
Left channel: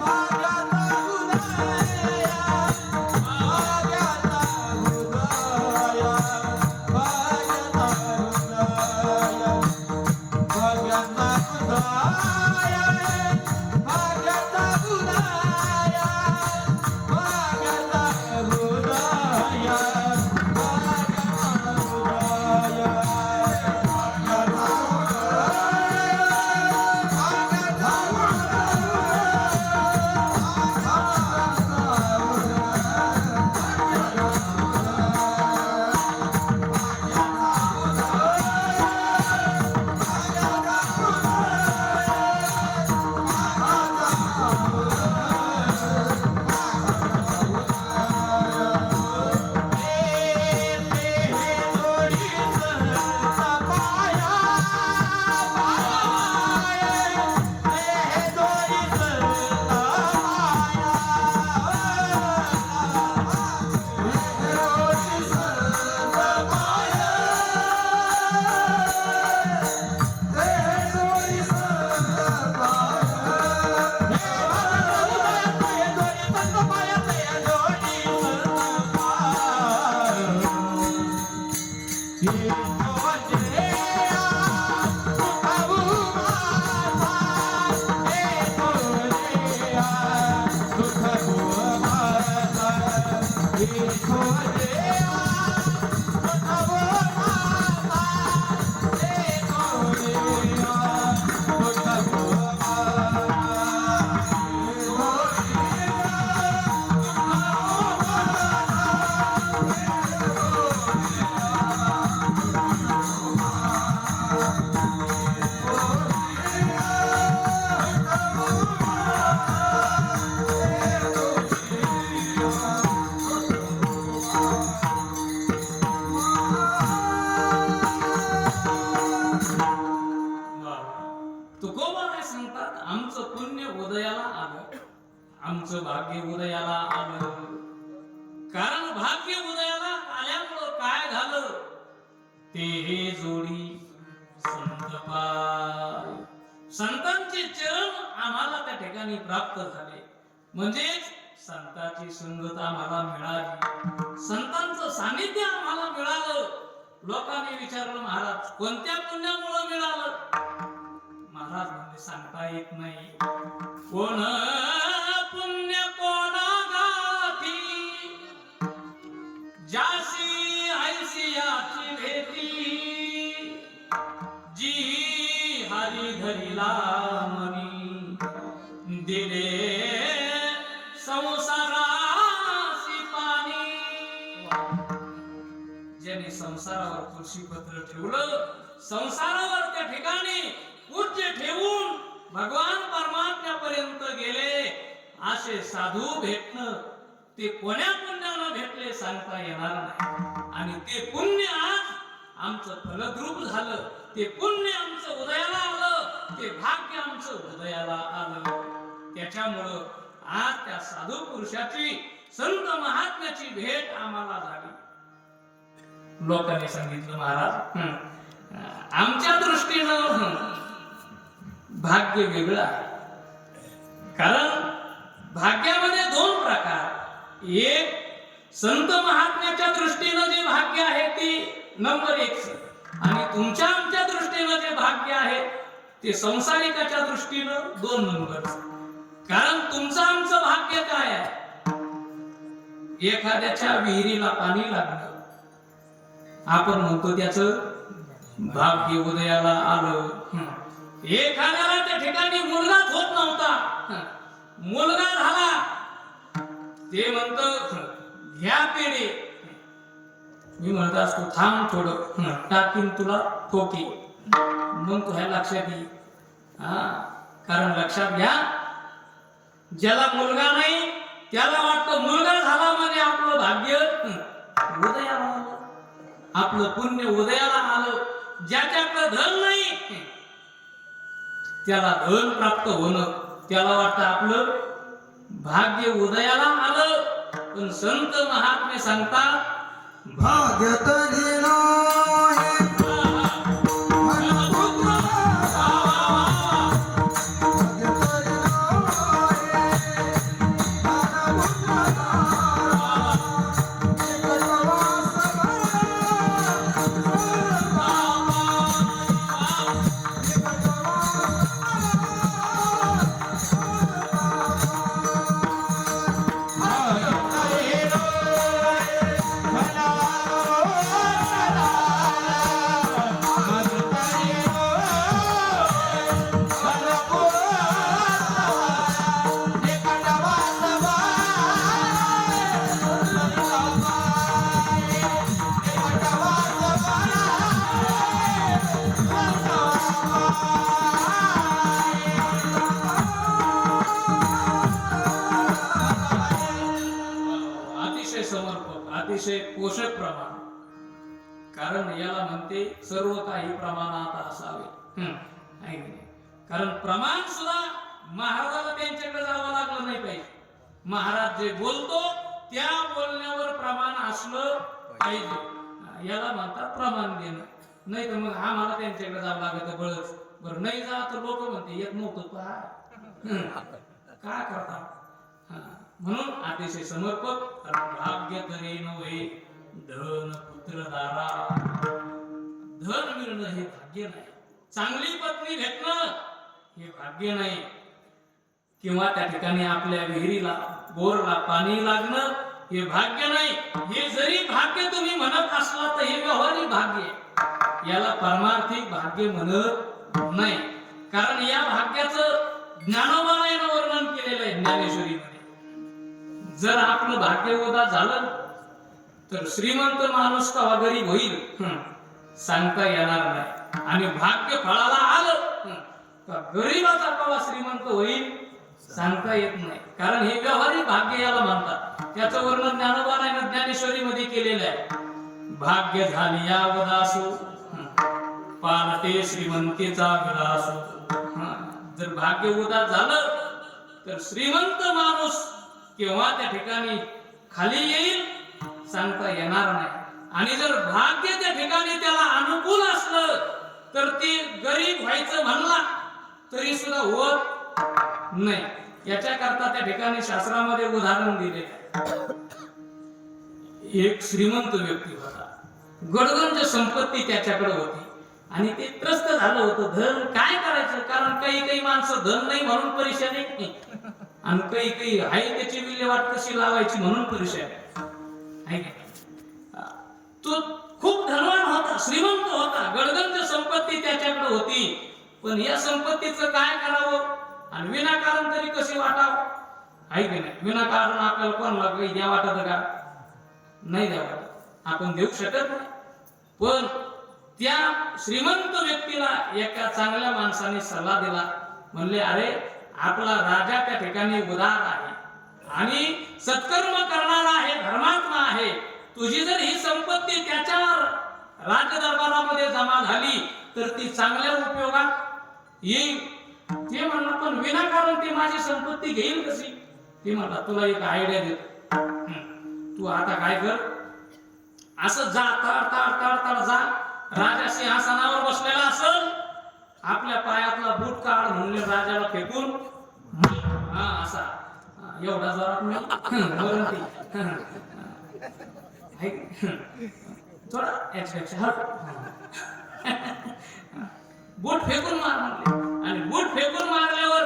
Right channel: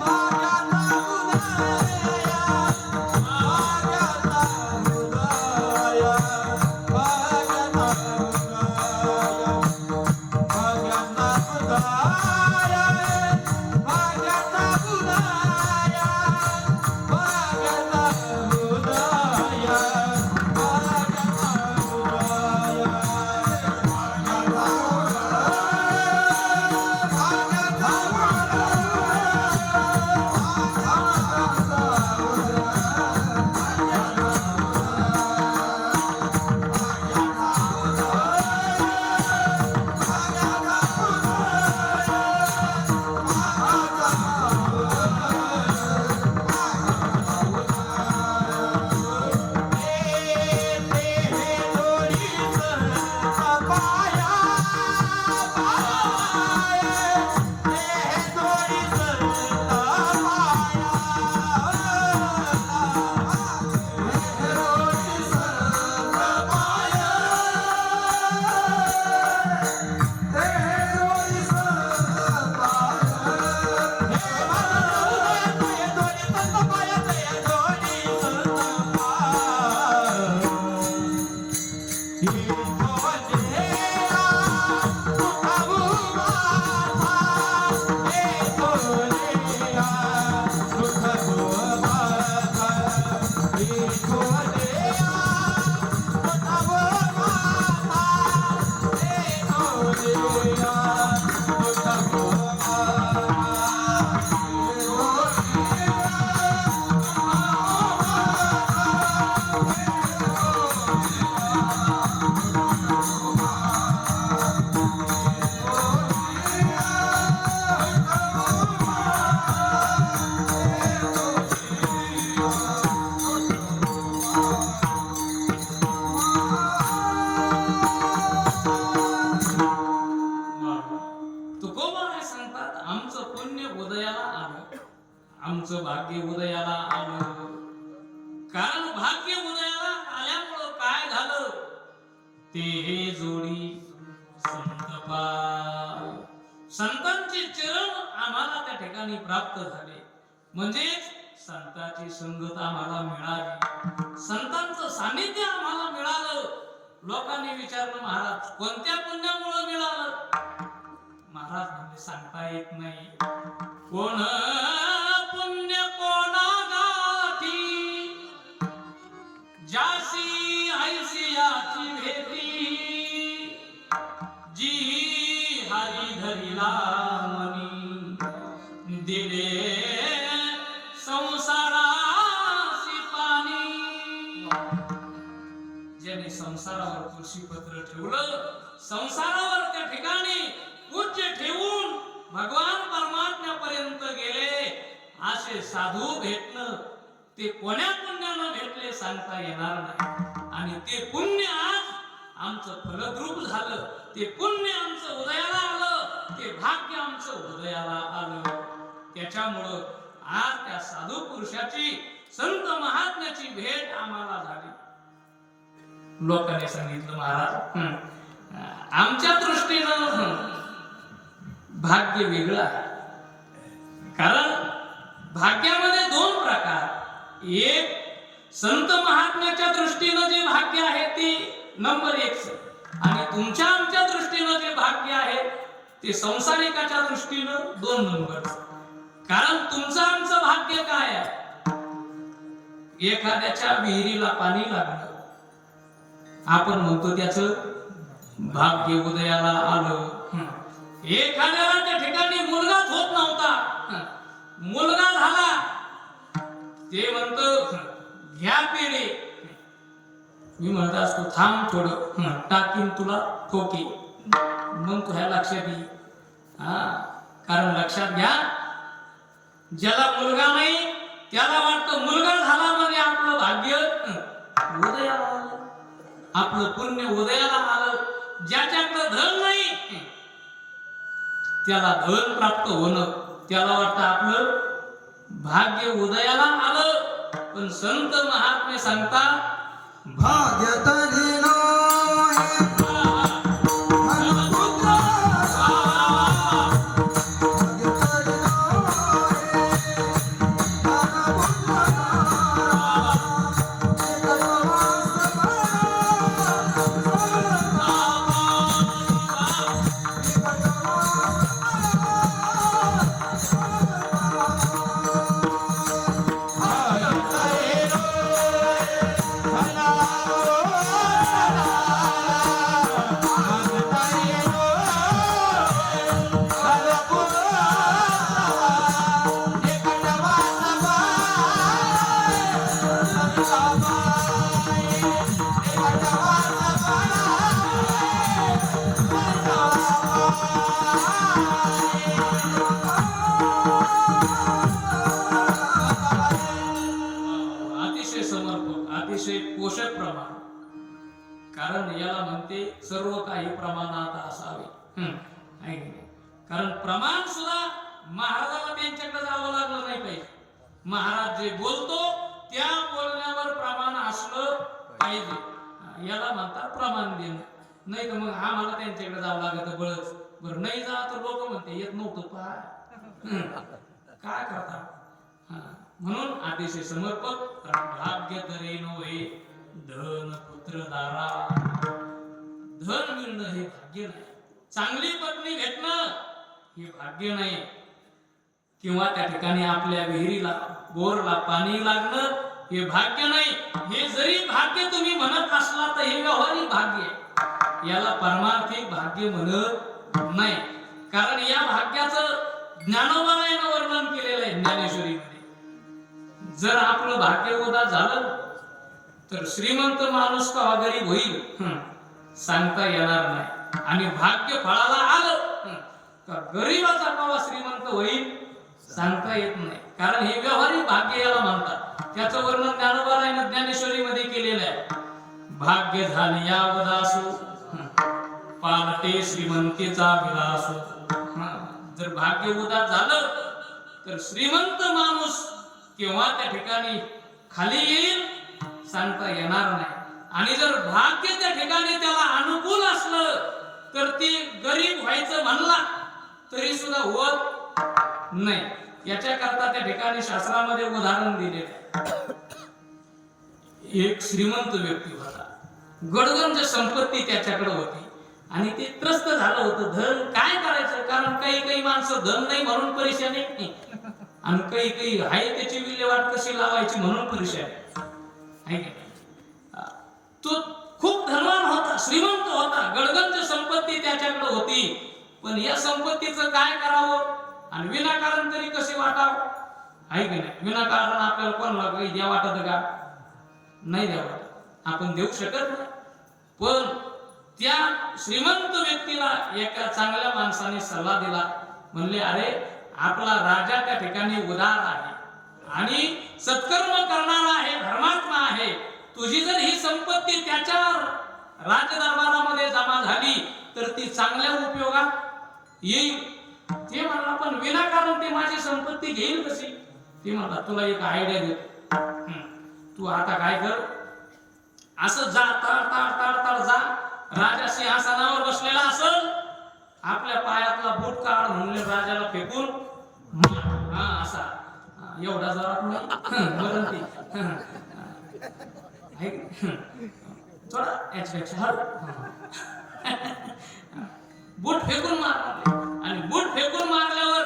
भाग्याचा उदय, भाग्याचा उदय, भाग्याचा उदय, भाग्याचा उदय, भाग्याचा तुकोबा काय सांगतात, आमचं पुण्य उदयाला आलं, आमचं भाग्य उदयाला आलं. कारण भाग्य उदयाला आल्यामुळं काय झालं, ते जोडी संत पाय, संतांचे चरण आम्हाला त्या ठिकाणी प्राप्त झाले. म्हणजे संतांची संगत आम्हाला मिळाली, संतांचं सानिध्य आम्हाला मिळालं. लोकांनी विचारलं, महाराज कोणत्या पुण्यामुळे मिळालं? महाराज म्हणजे सांगता येत नाही. कोण पुण्य कोणा गाठी, जासी ऐसी याची भेटी, जी हरी धरिला मनी, दिले संसारासी पाणी. ज्याने संसारावर तुळशीपत्र ठेवलं, संसारावर त्या ठिकाणी पूज्य ठेवून भगवान परमात्म्यापर्यंत गेले, असे साधू भेटणं ते कोण्या पुण्यानं भेटले सांगता येणार नाही. आणि ते पुण्य आज आमचं फलद्रूप झालं, ते पुण्य आमचं उदयाला आलं, ते भाग्य आमचं उदयाला आलं. त्याच्यामुळं आज त्या साधू पुरुषाची, संत महात्म्याची भेट आम्हाला झाली. लोकांनी सांगितलं, महाराज आमच्या दृष्टीनं भाग्य वेगळं आहे. कारण भाग्यामध्ये दोन प्रकार, एक संत महात्म्याच्या दृष्टीनं जे भाग्य आहे ते नंबर 1, आणि तुमच्या आमच्या दृष्टीनं जे भाग्य आहे ते संसारिकाच्या दृष्टीनं 2 नंबर. कारण तुमचं आमचं भाग्य काय आहे, एखाद्याच्या विहिरीला पाणी लागलं, आपण म्हणतो त्याचं भाग्य उदयाला आलं. एखाद्याला त्या ठिकाणी मुलगाच होत नव्हता, मुलगा झाला, ते म्हणतो घ्या पेढे. मी म्हणत असतो थांब थोडं, टाकीन तुला ठोकी, मग तुझ्या लक्षात येईल. हा, कारण लक्षात घ्या, ज्याला मुलगा नाही त्याला वाटतं मुलगा झाला म्हणजे आपलं भाग्य उदयाला आलं, आपलं पुण्य उदयाला आलं. ज्याच्याकडे धन नाही त्याला धन प्राप्त होणं, त्याला वाटतं आपलं भाग्य उदयाला आलं. पण संत महात्मे सांगतात भाग्य तरी नाही धनपुत्र, भाग्य तरी नाही धनपुत्र, अतिशय समर्पक, अतिशय पोषक प्रमाण. कारण याला म्हणते सर्व काही प्रमाणात असावे. आहे की नाही? कारण प्रमाण सुद्धा महाराजाला त्यांच्याकडे जावं लागलं नाही पाहिजे. महाराज जे बोलतो त्या बोलण्यावर प्रमाण असलं पाहिजे. याला म्हणतात प्रमाण देणं. नाही तर मग आम्हाला त्यांच्याकडे जावं लागत बळच. बरं नाही जा तर लोक म्हणते येत नव्हतं काय करता. म्हणून अतिशय समर्पक. कारण भाग्य तरी नव्हे धन पुत्र दारा. धन मिळणं हे भाग्य नाही, चांगली पत्नी भेटणं हे भाग्य नाही, किंवा त्या ठिकाणी आपल्या विहिरीला बोरला पाणी लागणं हे भाग्य नाही. हे जरी भाग्य तुम्ही म्हणत असला तर हे व्यवहारिक भाग्य आहे, याला पारमार्थिक भाग्य म्हणत नाही. कारण या भाग्याचं ज्ञानोबाने वर्णन केलेलं आहे ज्ञानेश्वरीमध्ये. जर आपलं भाग्य उदा झालं तर श्रीमंत माणूस कवा गरीब होईल सांगता येणार नाही. आणि भाग्य फळाला आलं तर गरीबाचा कवा श्रीमंत होईल सांगता येत नाही. कारण हे व्यवहारिक भाग्य याला म्हणतात. त्याचं वर्णन ज्ञानोबाने ज्ञानेश्वरीमध्ये केलेलं आहे. भाग्य झाली यावदासो पालटे श्रीमंतीचा विलासो. जर भाग्य उदास झालं तर श्रीमंत माणूस केव्हा त्या ठिकाणी खाली येईल सांगता येणार नाही. आणि जर भाग्य त्या ठिकाणी त्याला अनुकूल असलं तर ती गरीब व्हायचं म्हणला तरी सुद्धा होत नाही. याच्या करता त्या ठिकाणी शास्त्रामध्ये उदाहरण दिले. एक श्रीमंत व्यक्ती होता, गडगंज संपत्ती त्याच्याकडे होती आणि ते त्रस्त झालं होतं. धन काय करायचं, कारण काही माणसं धन नाही म्हणून परेशान नाही आणि काही आहे त्याची विल्हेवाट कशी लावायची म्हणून परेशान आहे. तो खूप धनवान होता, श्रीमंत होता, गडगंज संपत्ती त्याच्याकडे होती. पण या संपत्तीचं काय करावं आणि विनाकारण तरी कशी वाटावं, आहे की नाही? विनाकारण आपल्याला कोणाला काही द्या वाटत का? नाही द्या वाटत, आपण देऊ शकत नाही. पण त्या श्रीमंत व्यक्तीला एका चांगल्या माणसाने सल्ला दिला. म्हणले अरे आपला राजा त्या ठिकाणी उदार आहे आणि सत्कर्म करणारा आहे, धर्मात्मा आहे. तुझी जर ही संपत्ती त्याच्यावर राजदरबारामध्ये जमा झाली तर ती चांगल्या उपयोगात येईल. ते म्हणला पण विनाकारण ते माझी संपत्ती घेईल कशी? ते म्हणला तुला एक आयडिया देतो. तू आता काय कर, असं जा तळ जा, राजा सिंहासनावर बसलेला असेल, आपल्या पायातला बूट काढ म्हणले राजाला फेकून असा एवढा जोरात नाही थोडा बूट फेकून मार. आणि बूट फेकून मारल्यावर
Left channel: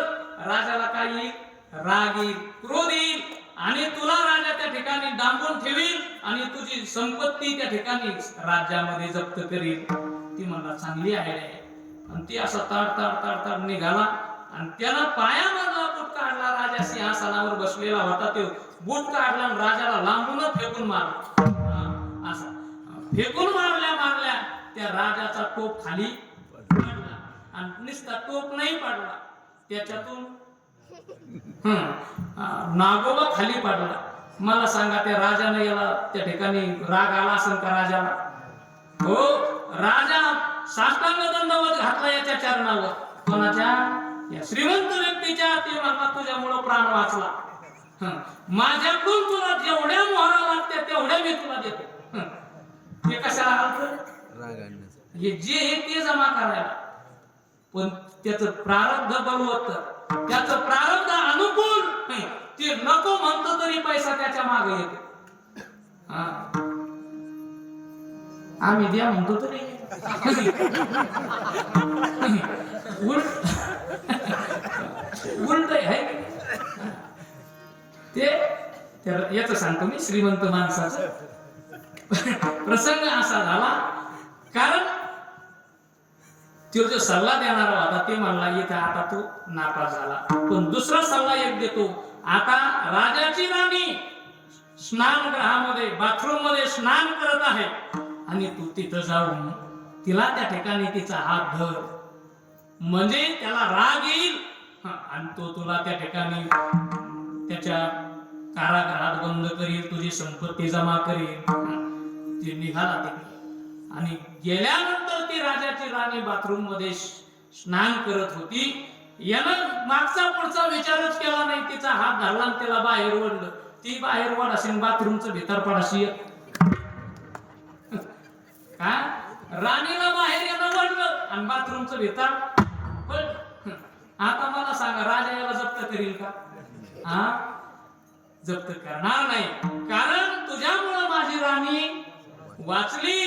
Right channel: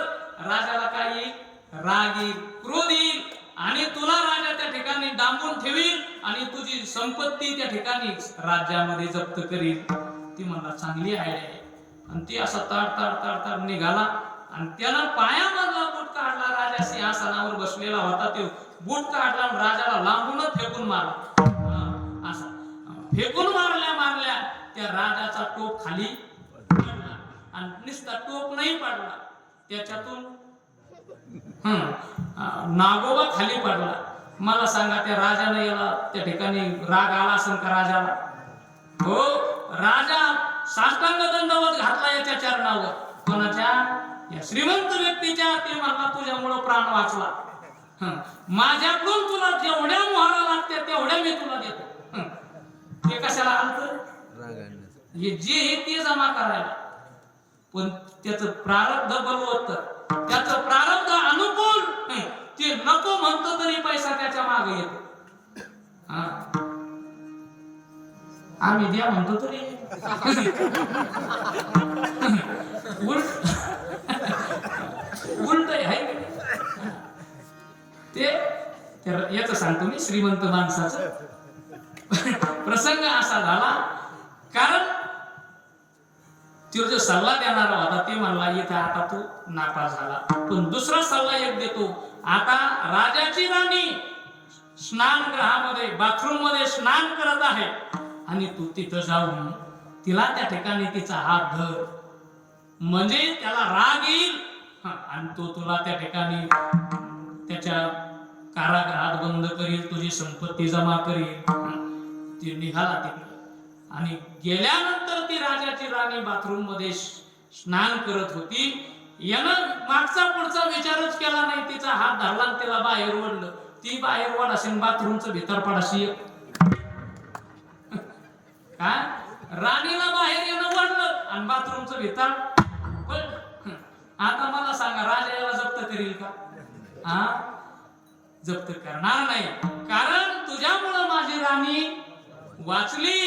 राजाला काय येईल? राग येईल, क्रोध येईल आणि तुला राजा त्या ठिकाणी डांबून ठेवील आणि तुझी संपत्ती त्या ठिकाणी राज्यामध्ये जप्त करील. ती मला चांगली आयडिया आहे. आणि ती असा ताड निघाला आणि त्याला पायामधला बूट काढला राजा राजाच्या सिंहासनावर बसलेला होता तो बूट काढला आणि राजाला लांबूनच फेकून मारला. असा फेकून मारल्या त्या राजाचा टोप खाली पडला आणि नुसता टोप नाही पडला, त्याच्यातून नागोबा खाली पडला. मला सांगा त्या राजाने याला त्या ठिकाणी राग आला असेल का राजाला? हो, राजा साष्टांग दंडवत घातला याच्या चरणावर. कोणाच्या? या श्रीमंत व्यक्तीच्या. ते म्हणला तुझ्यामुळं प्राण वाचला. माझ्याकडून तुला जेवढ्या मोहरा लागते तेवढ्या मी तुला देतो. ते कशाला आलं? हे जे आहे ते जमा करायला. पण त्याचं प्रारब्ध बलवत्तर, त्याचं प्रारब्ध अनुकूल, ते नको म्हणतो तरी पैसा त्याच्या मागे येतो. आम्ही द्या म्हणतो तरी उलट आहे. ते याच सांगतो मी. श्रीमंत माणसाचा प्रसंग असा झाला, कारण तो जो सल्ला देणारा होता ते म्हणला इथे आता तू नापास झाला. पण दुसरा सल्ला एक देतो. आता राजाची राणी स्नानगृहामध्ये बाथरूम मध्ये स्नान करत आहे आणि तू तिथं जाऊन तिला त्या ठिकाणी तिचा हात धर, म्हणजे त्याला राग येईल आणि तो तुला त्या ठिकाणी त्याच्या कारागृहात बंद करील, तुझी संपत्ती जमा करील. ती निघाला तिकडे आणि गेल्यानंतर ती राजाची राणी बाथरूम मध्ये स्नान करत होती. यानं मागचा पुढचा विचारच केला नाही. तिचा हात धरला आणि त्याला बाहेर ओढलं. ती बाहेर ओढ असेल, बाथरूमचं भीतर पडाशी का राणीला बाहेर येणं म्हणलं आणि बाथरूमचं भीतर पडलं. आता मला सांगा, राजा याला जप्त करील का? जप्त करणार नाही, कारण तुझ्यामुळं माझी राणी वाचली.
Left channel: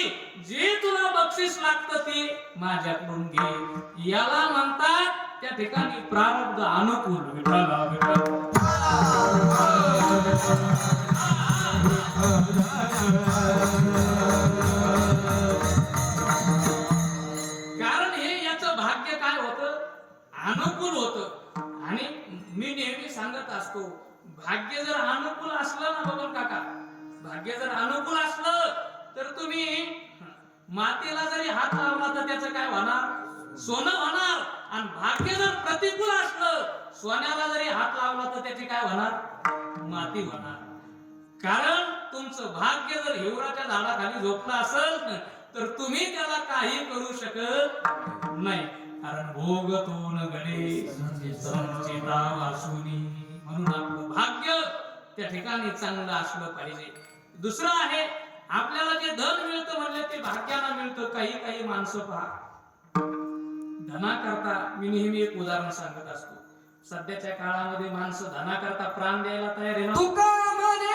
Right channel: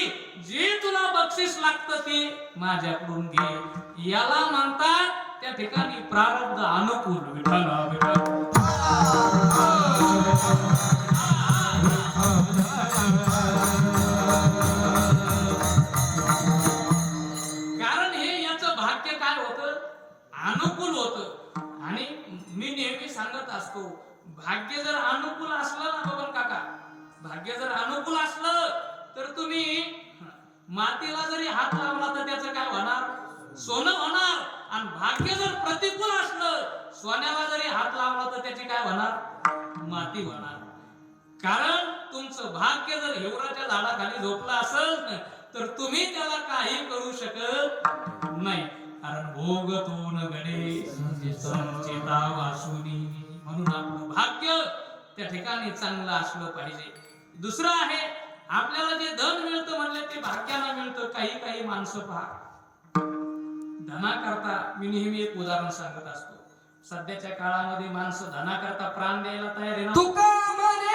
जे तुला बक्षीस लागतं ते माझ्याकडून घे. याला म्हणतात त्या ठिकाणी प्रारब्ध अनुकूल. विठ्ठला विठ्ठला. कारण हे याचं भाग्य काय होतं? अनुकूल होतं. आणि मी नेहमी सांगत असतो, भाग्य जर अनुकूल असलं ना बघून काका, भाग्य जर अनुकूल असलं तर तुम्ही मातीला जरी हात लावला तर त्याचं काय होणार? सोनं होणार. आणि भाग्य जर प्रतिकूल असलं, सोन्याला जरी हात लावला तर त्याची काय होणार? माती होणार. कारण तुमचं भाग्य जर हिवराच्या झाडाखाली झोपलं असेल तर तुम्ही त्याला काही करू शकत नाही. कारण भोगतो न घडे संचिता वासुनी. म्हणून आपलं भाग्य त्या ठिकाणी चांगलं असलं पाहिजे. दुसरं आहे, आपल्याला जे धन मिळतं म्हणले ते भाग्याला मिळतं. काही माणसं पहा, धनाकरता, मी नेहमी एक उदाहरण सांगत असतो, सध्याच्या काळामध्ये माणसं धनाकरता प्राण द्यायला तयार आहे ना. तुका म्हणे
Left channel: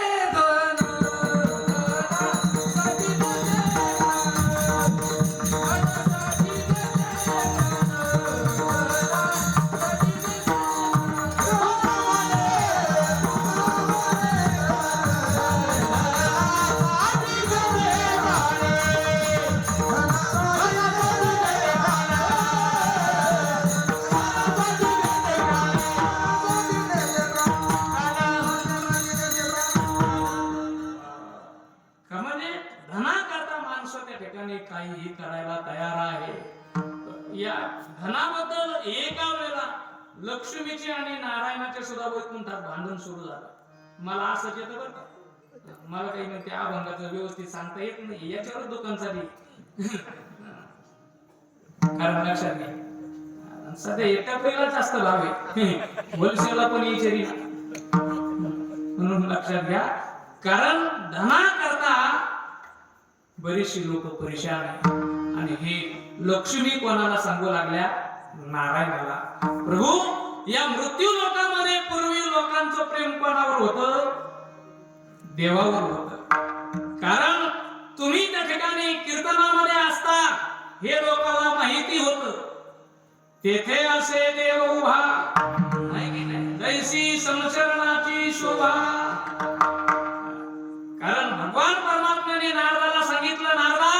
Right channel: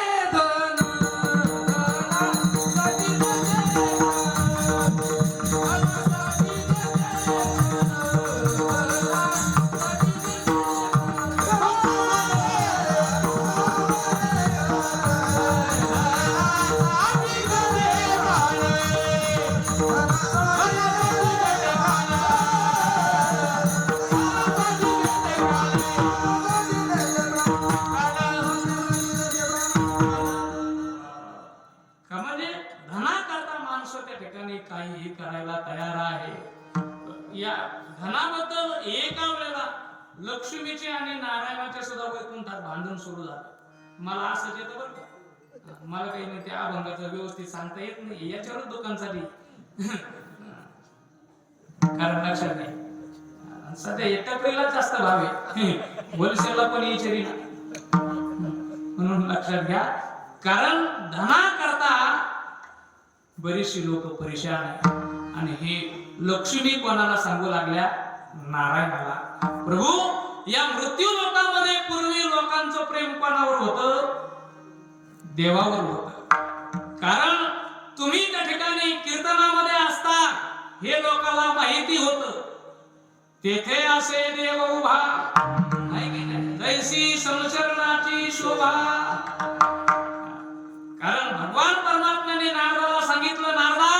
धन काहीही करायला तयार आहे. या धनाबद्दल एका वेळेला लक्ष्मीची आणि नारायणाच्या सुद्धा वैकुंठात भांडण सुरू झालं. मला असंच येतं बरं का, मला काही नाही, त्या अभंगाचं व्यवस्थित सांगता येत नाही. याच्यावर दुकानसाठी कारण लक्षात नाही, सध्या एकट्या पहिला जास्त भाव आहे, होलसेलला पण यायचे म्हणून लक्षात घ्या. कारण धना करता बरीचशी लोक परेशान आहेत. आणि हे लक्ष्मी कोणाला सांगू लागल्या? नारायणाला. प्रभू, या मृत्यू लोकांमध्ये पूर्वी लोकांचं प्रेम कोणावर होतं? देवावर होतं. कारण तुम्ही त्या ठिकाणी कीर्तनामध्ये असता, हे लोकांना माहिती होतं. तेथे असे देव उभा, जैसी संशरणाची शोभा. कारण भगवान परमात्म्याने नारदाला सांगितलं, नारदा,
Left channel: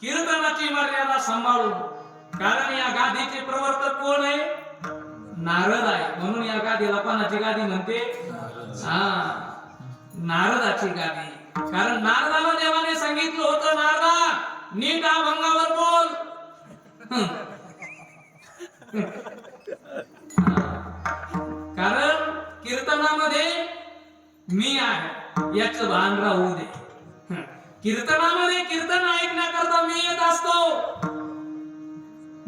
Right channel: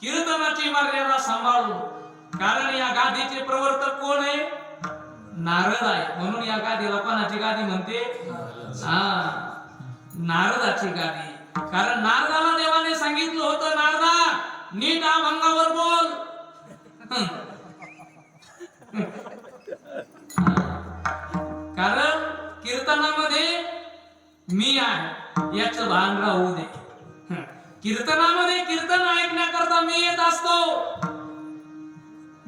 कीर्तनाची मर्यादा सांभाळून. कारण या गादीचे प्रवर्तक कोण आहे? नारद आहे म्हणून या गादीला कोणाची गादी म्हणते हा नारदाची गादी. कारण नारदाला देवाने सांगितलं होतं नारदा नीट अभंगावर बोल. कारण कीर्तनामध्ये मी आहे याचं भान राहू दे. कीर्तनामध्ये कीर्तन ऐकण्याकरता मी येत असतो.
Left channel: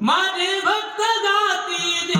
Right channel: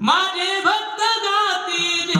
माझे भक्त गाती जे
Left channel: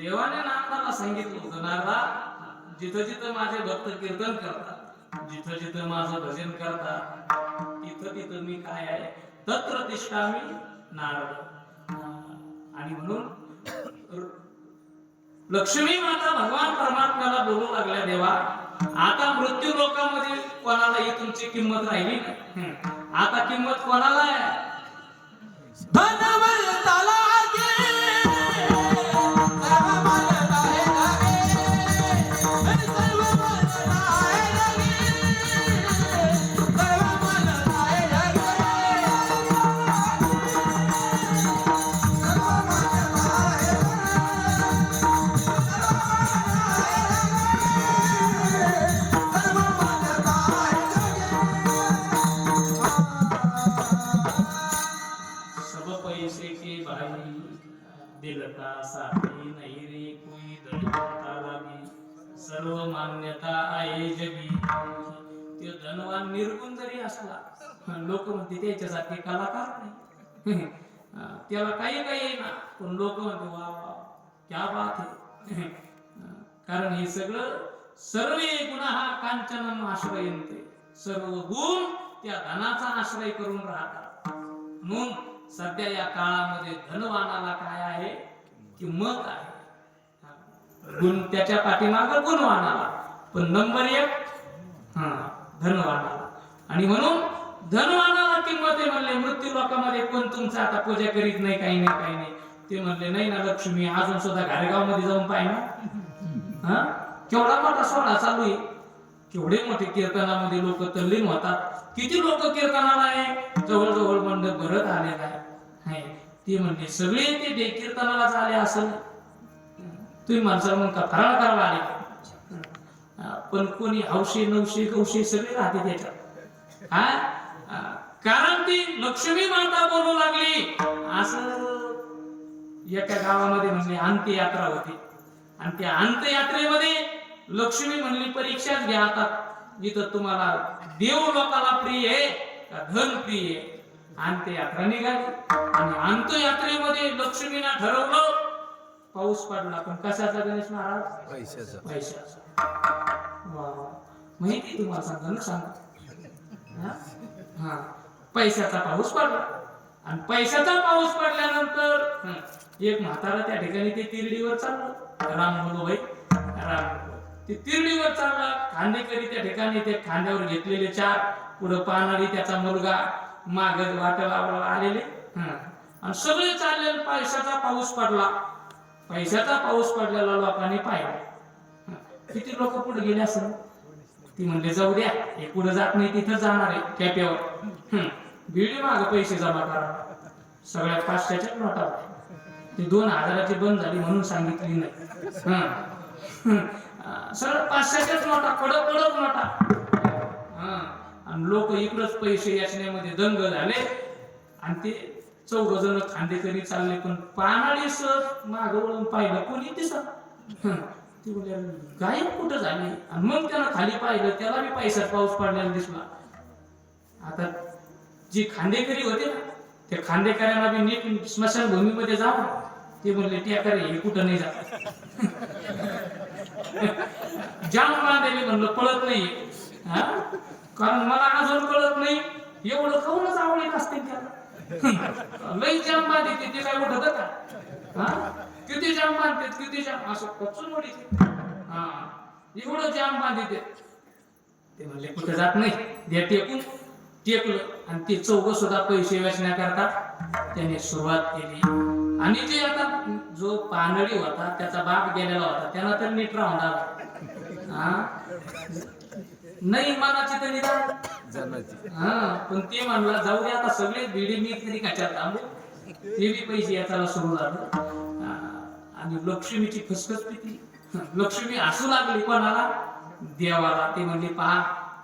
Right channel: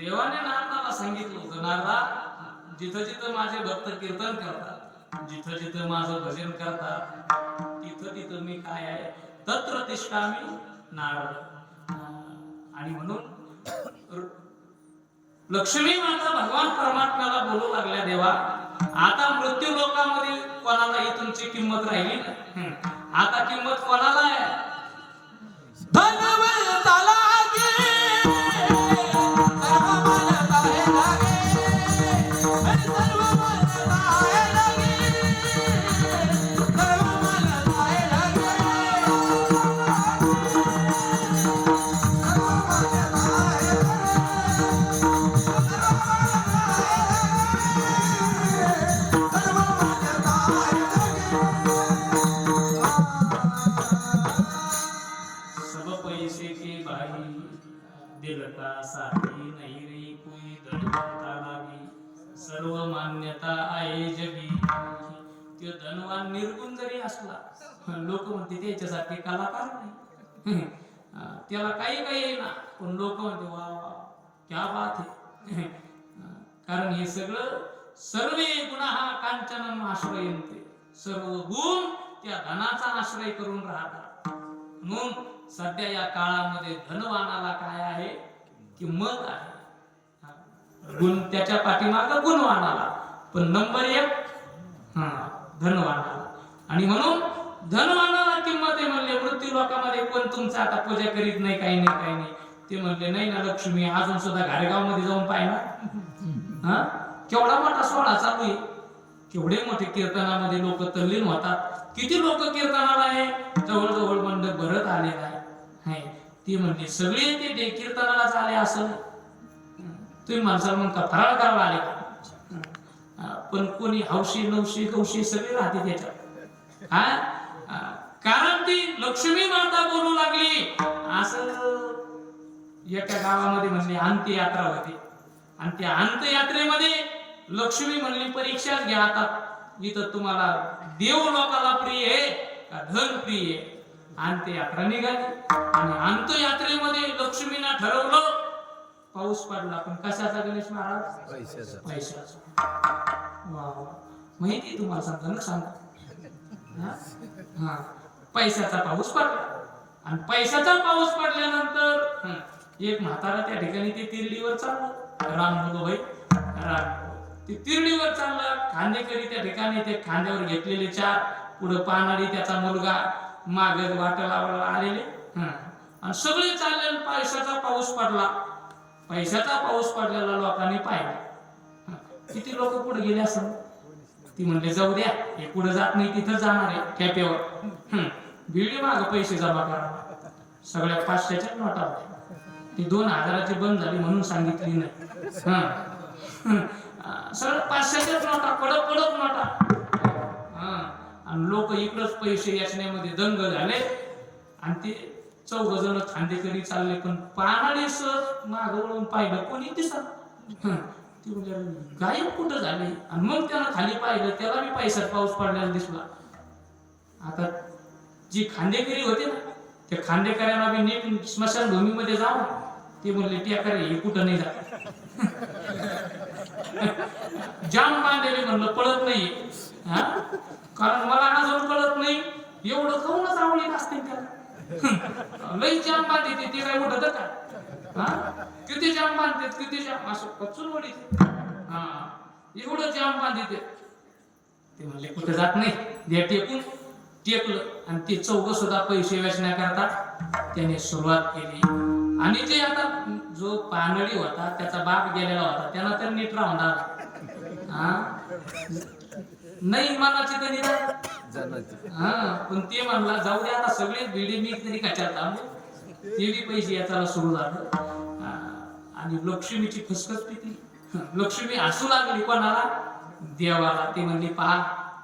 देवाने नारदाला सांगितलं होतं नारदा जिथं जिथं माझे भक्त कीर्तन करतात जिथं जिथं माझं भजन करतात तिथं तिथं मी काय आहे तत्र तिष्ठामि नारद. आणि म्हणून लक्ष्मी माता भगवान परमात्म्याला बोलू लागल्या देवा आता मृत्यू लोकांमध्ये कोणालाही तुमची किंमत राहिली नाही. आता किंमत कोणाला आहे धनवंताला सर्व मान्यता आहे जगी. ते धनवान निर्गुण जरी असला लोक म्हणते त्याच्यासारखे कलाकार नाही. त्याला काही काही येईना पण लोक म्हणते वा वा क्या बात आहे. कारण हे सगळं सर्वे गुणाहा कांचनम आश्रयन्ते सर्व गुण त्या धनाचा आश्रय करून राहतात. म्हणून सध्या या काळामध्ये धनवानाला काय आहे किंमत आहे. गुण त्याच्या पाठीमागे गुणवानाला पण नंबर 1 धनवानाला. आणि म्हणून धनवानाला किंमत आहे म्हणले. मृत्यू लोकांमध्ये कोण तुमचं आता पूजा करीत नाही काही नाही ते म्हणले नाही ना लक्ष्मी अजून सुद्धा घारेगाव मध्ये जाऊन पाहिना केवढा मोठा सोहळा चालू आहे. केवढे मोठे कीर्तनामध्ये लोक तल्लीन होतात. किती लोक कीर्तनाला आहे जवळजवळ मंडप भरत आलेला आहे. ती म्हणते सगळे ते कीर्तनाला आले असं तुम्ही माणसाला म्हणता फराळ करायला आले पण कोणी हौशी नवशी गौशी सगळे राहते त्याच्यात. कारण ती लक्ष्मी माता बोलू लागली असं. एका गावामध्ये म्हणजे अंत्ययात्रा होती आणि त्या अंत्ययात्रेमध्ये लक्ष्मी म्हणली परीक्षाच घ्या आता इथं तुम्हाला देव लोकाला प्रिय आहे का धन प्रिय आहे. अंत्ययात्रा निघाली आणि अंत्ययात्रेमध्ये लक्ष्मीने ठरवलं पाऊस पडला पण कशाचा गणेश महाराज पैशाचा. माहिती तुम्हाला सांगतो ना सांगा पैशाचा पाऊस पडला आणि पैशाचा पाऊस पडल्यानंतर एक म्हातारा त्या ठिकाणी ते तिरडीवर चाललं. राम बोलो भाई राम ते तिरडीवर चालला. खांदेकरी त्या ठिकाणी ते खांद्यावर घेतलेले 4 पुढे पानाडी त्याचा मुलगा माग वाटाला आलेले आणि सगळे चालले. पैशाचा पाऊस पडला. पैशाचा पाऊस पडलेला लोकांनी पाहिला. किती लोक पुढे गेले असं ती म्हणले जाऊ द्या हे पुढे जात नाही तिथं जाणार आहे कॅपेवर. बिल्डी माग पैसे जमा करा. सगळ्या 500च्या नोटा ती 2000ची बंद झाली म्हणून सांगितली नाही. सगळं 500च्याच नोटा कडक नोटा. आणि लोक इकडच पैसे याचण्यामध्ये दंग झाले आणि ते 4 जण खांदेकरी चालले पण पानाळी सर माग वळून पाहिलं कोणी दिसत. ती म्हणजे गायब कुठं झाली. आणि मग त्याला खाली पाहिलं, त्याला बी पैसा पाऊस पडलेला दिसला. आता जी खांदेकरी होते ना, त्या खांदेकऱ्यांना बी नीट स्मशानभूमीमध्ये जावं. ते म्हणले टियाकर हे कुठं नाही जात. जाम कांदेली म्हणलं पळत नाही, कारण मला अजून कळत नाही एवढं खाऊनच आवडीत असते त्याला. लई जाम बांधते ते काय उठत का, किती जाम बांधतात, किती जाम असं कचून वडीते. एवढं जाम बांधते. ते म्हणले कुठे जात नाही, द्या टेकून. टेकलं आणि ते चौघ सुद्धा पैसे वेचण्याकरता त्याने सुरुवात केली. आणि ते आता जो पानडी होता त्याचा बाप गेलेला होता, त्याला तर नीट राहणार नाही मनाची तरी पण ते म्हणला जाऊ दे आता सगळे भिडी मी तरी कशात थांबू. ते बी पैसे याचाला सुरू झालं. आणि लक्ष्मीची खसखस पिती. लक्ष्मी हसू लागली कोणाला, देवाला. ती म्हणली पहा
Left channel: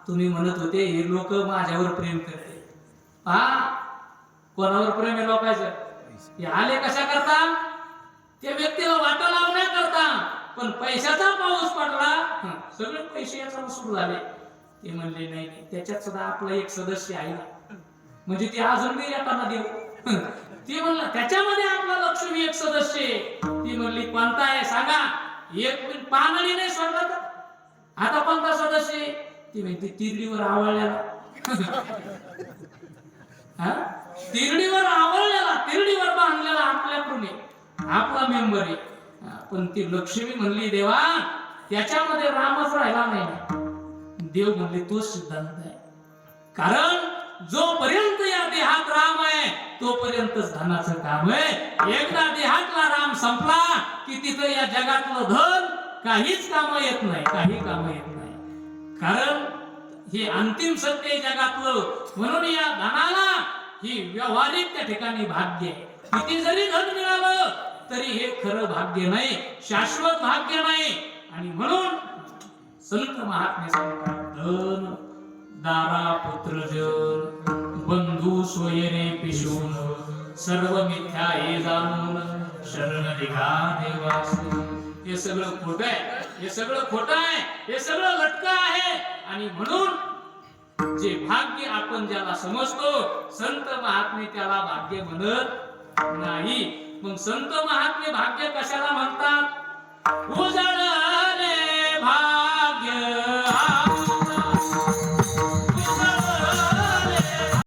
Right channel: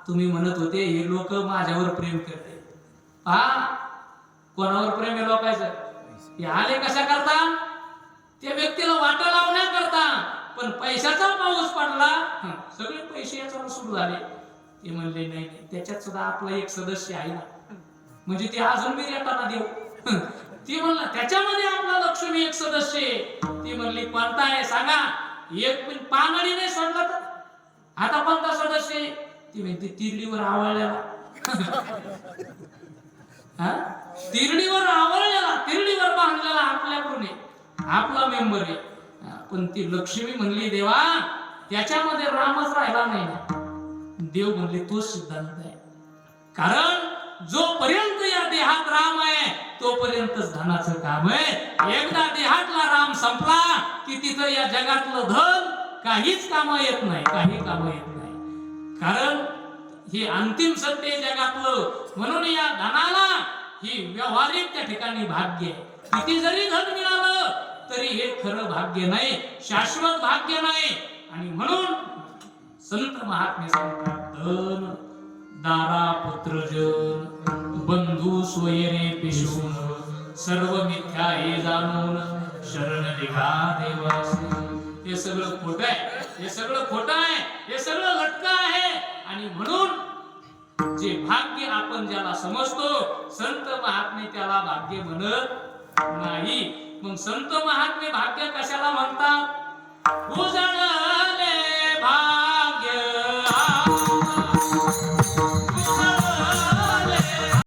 तुम्ही म्हणत होते हे लोक माझ्यावर प्रेम करते, पहा कोणावर प्रेम आहे लोकांचं. हे आले कशा करता, त्या व्यक्तीला वाटा लावण्याकरता. पण पैशाचा पाऊस पडला, सगळे पैसे याचा सुरू झाले. ते म्हणले नाही नाही, त्याच्यात सुद्धा आपला एक सदस्य आहे ना, म्हणजे ते अजून मी रेटाना देऊ. ती म्हणलं त्याच्यामध्ये आपला लक्ष्मी एक सदस्य आहे. ती म्हणली कोणता आहे सांगा. एक पण पानडी नाही सोडला तर आता कोणता सदस्य आहे. ती म्हणते तिरडीवर आवळलेला. तिरडीवर आवळलेला, तिरडीवर बांधलेला आपल्याकडून आपला मेंबर आहे. पण ती लक्ष्मी म्हणली देवा त्याच्यामध्ये रामच राहिला नाही. देव म्हणले तोच सिद्धांत आहे, कारण जोपर्यंत या देहात राम आहे तोपर्यंतच धनाचं काम आहे. एकदा देहातला राम संपला की तिथं या जगातलं धन काहीच काम येत नाही, काही काम येत नाही. कारण हे अंतिम सत्य आहे जगातलं. म्हणून या धनाला ही व्यावहारिक त्या ठिकाणी भाग्य आहे. किती जरी धन मिळालं तरी हे खरं भाग्य नाही, शाश्वत भाग्य नाही. आणि म्हणून संत महात्मे सांगतात धन दारा पुत्रजन बंधू स्वयरे पिशून सर्व मिथ्या हे जाणून शरण निघा देवासी. हे सगळं खोटं आहे, हे सगळं खोटं आहे, हे सगळं लटकं आहे. आणि म्हणून जे भाग्य आपण ज्याला समजतो संत महात्मे त्याला भाग्य म्हणत नाही. मग संत महात्मे भाग्य कशाला म्हणतात. उजाड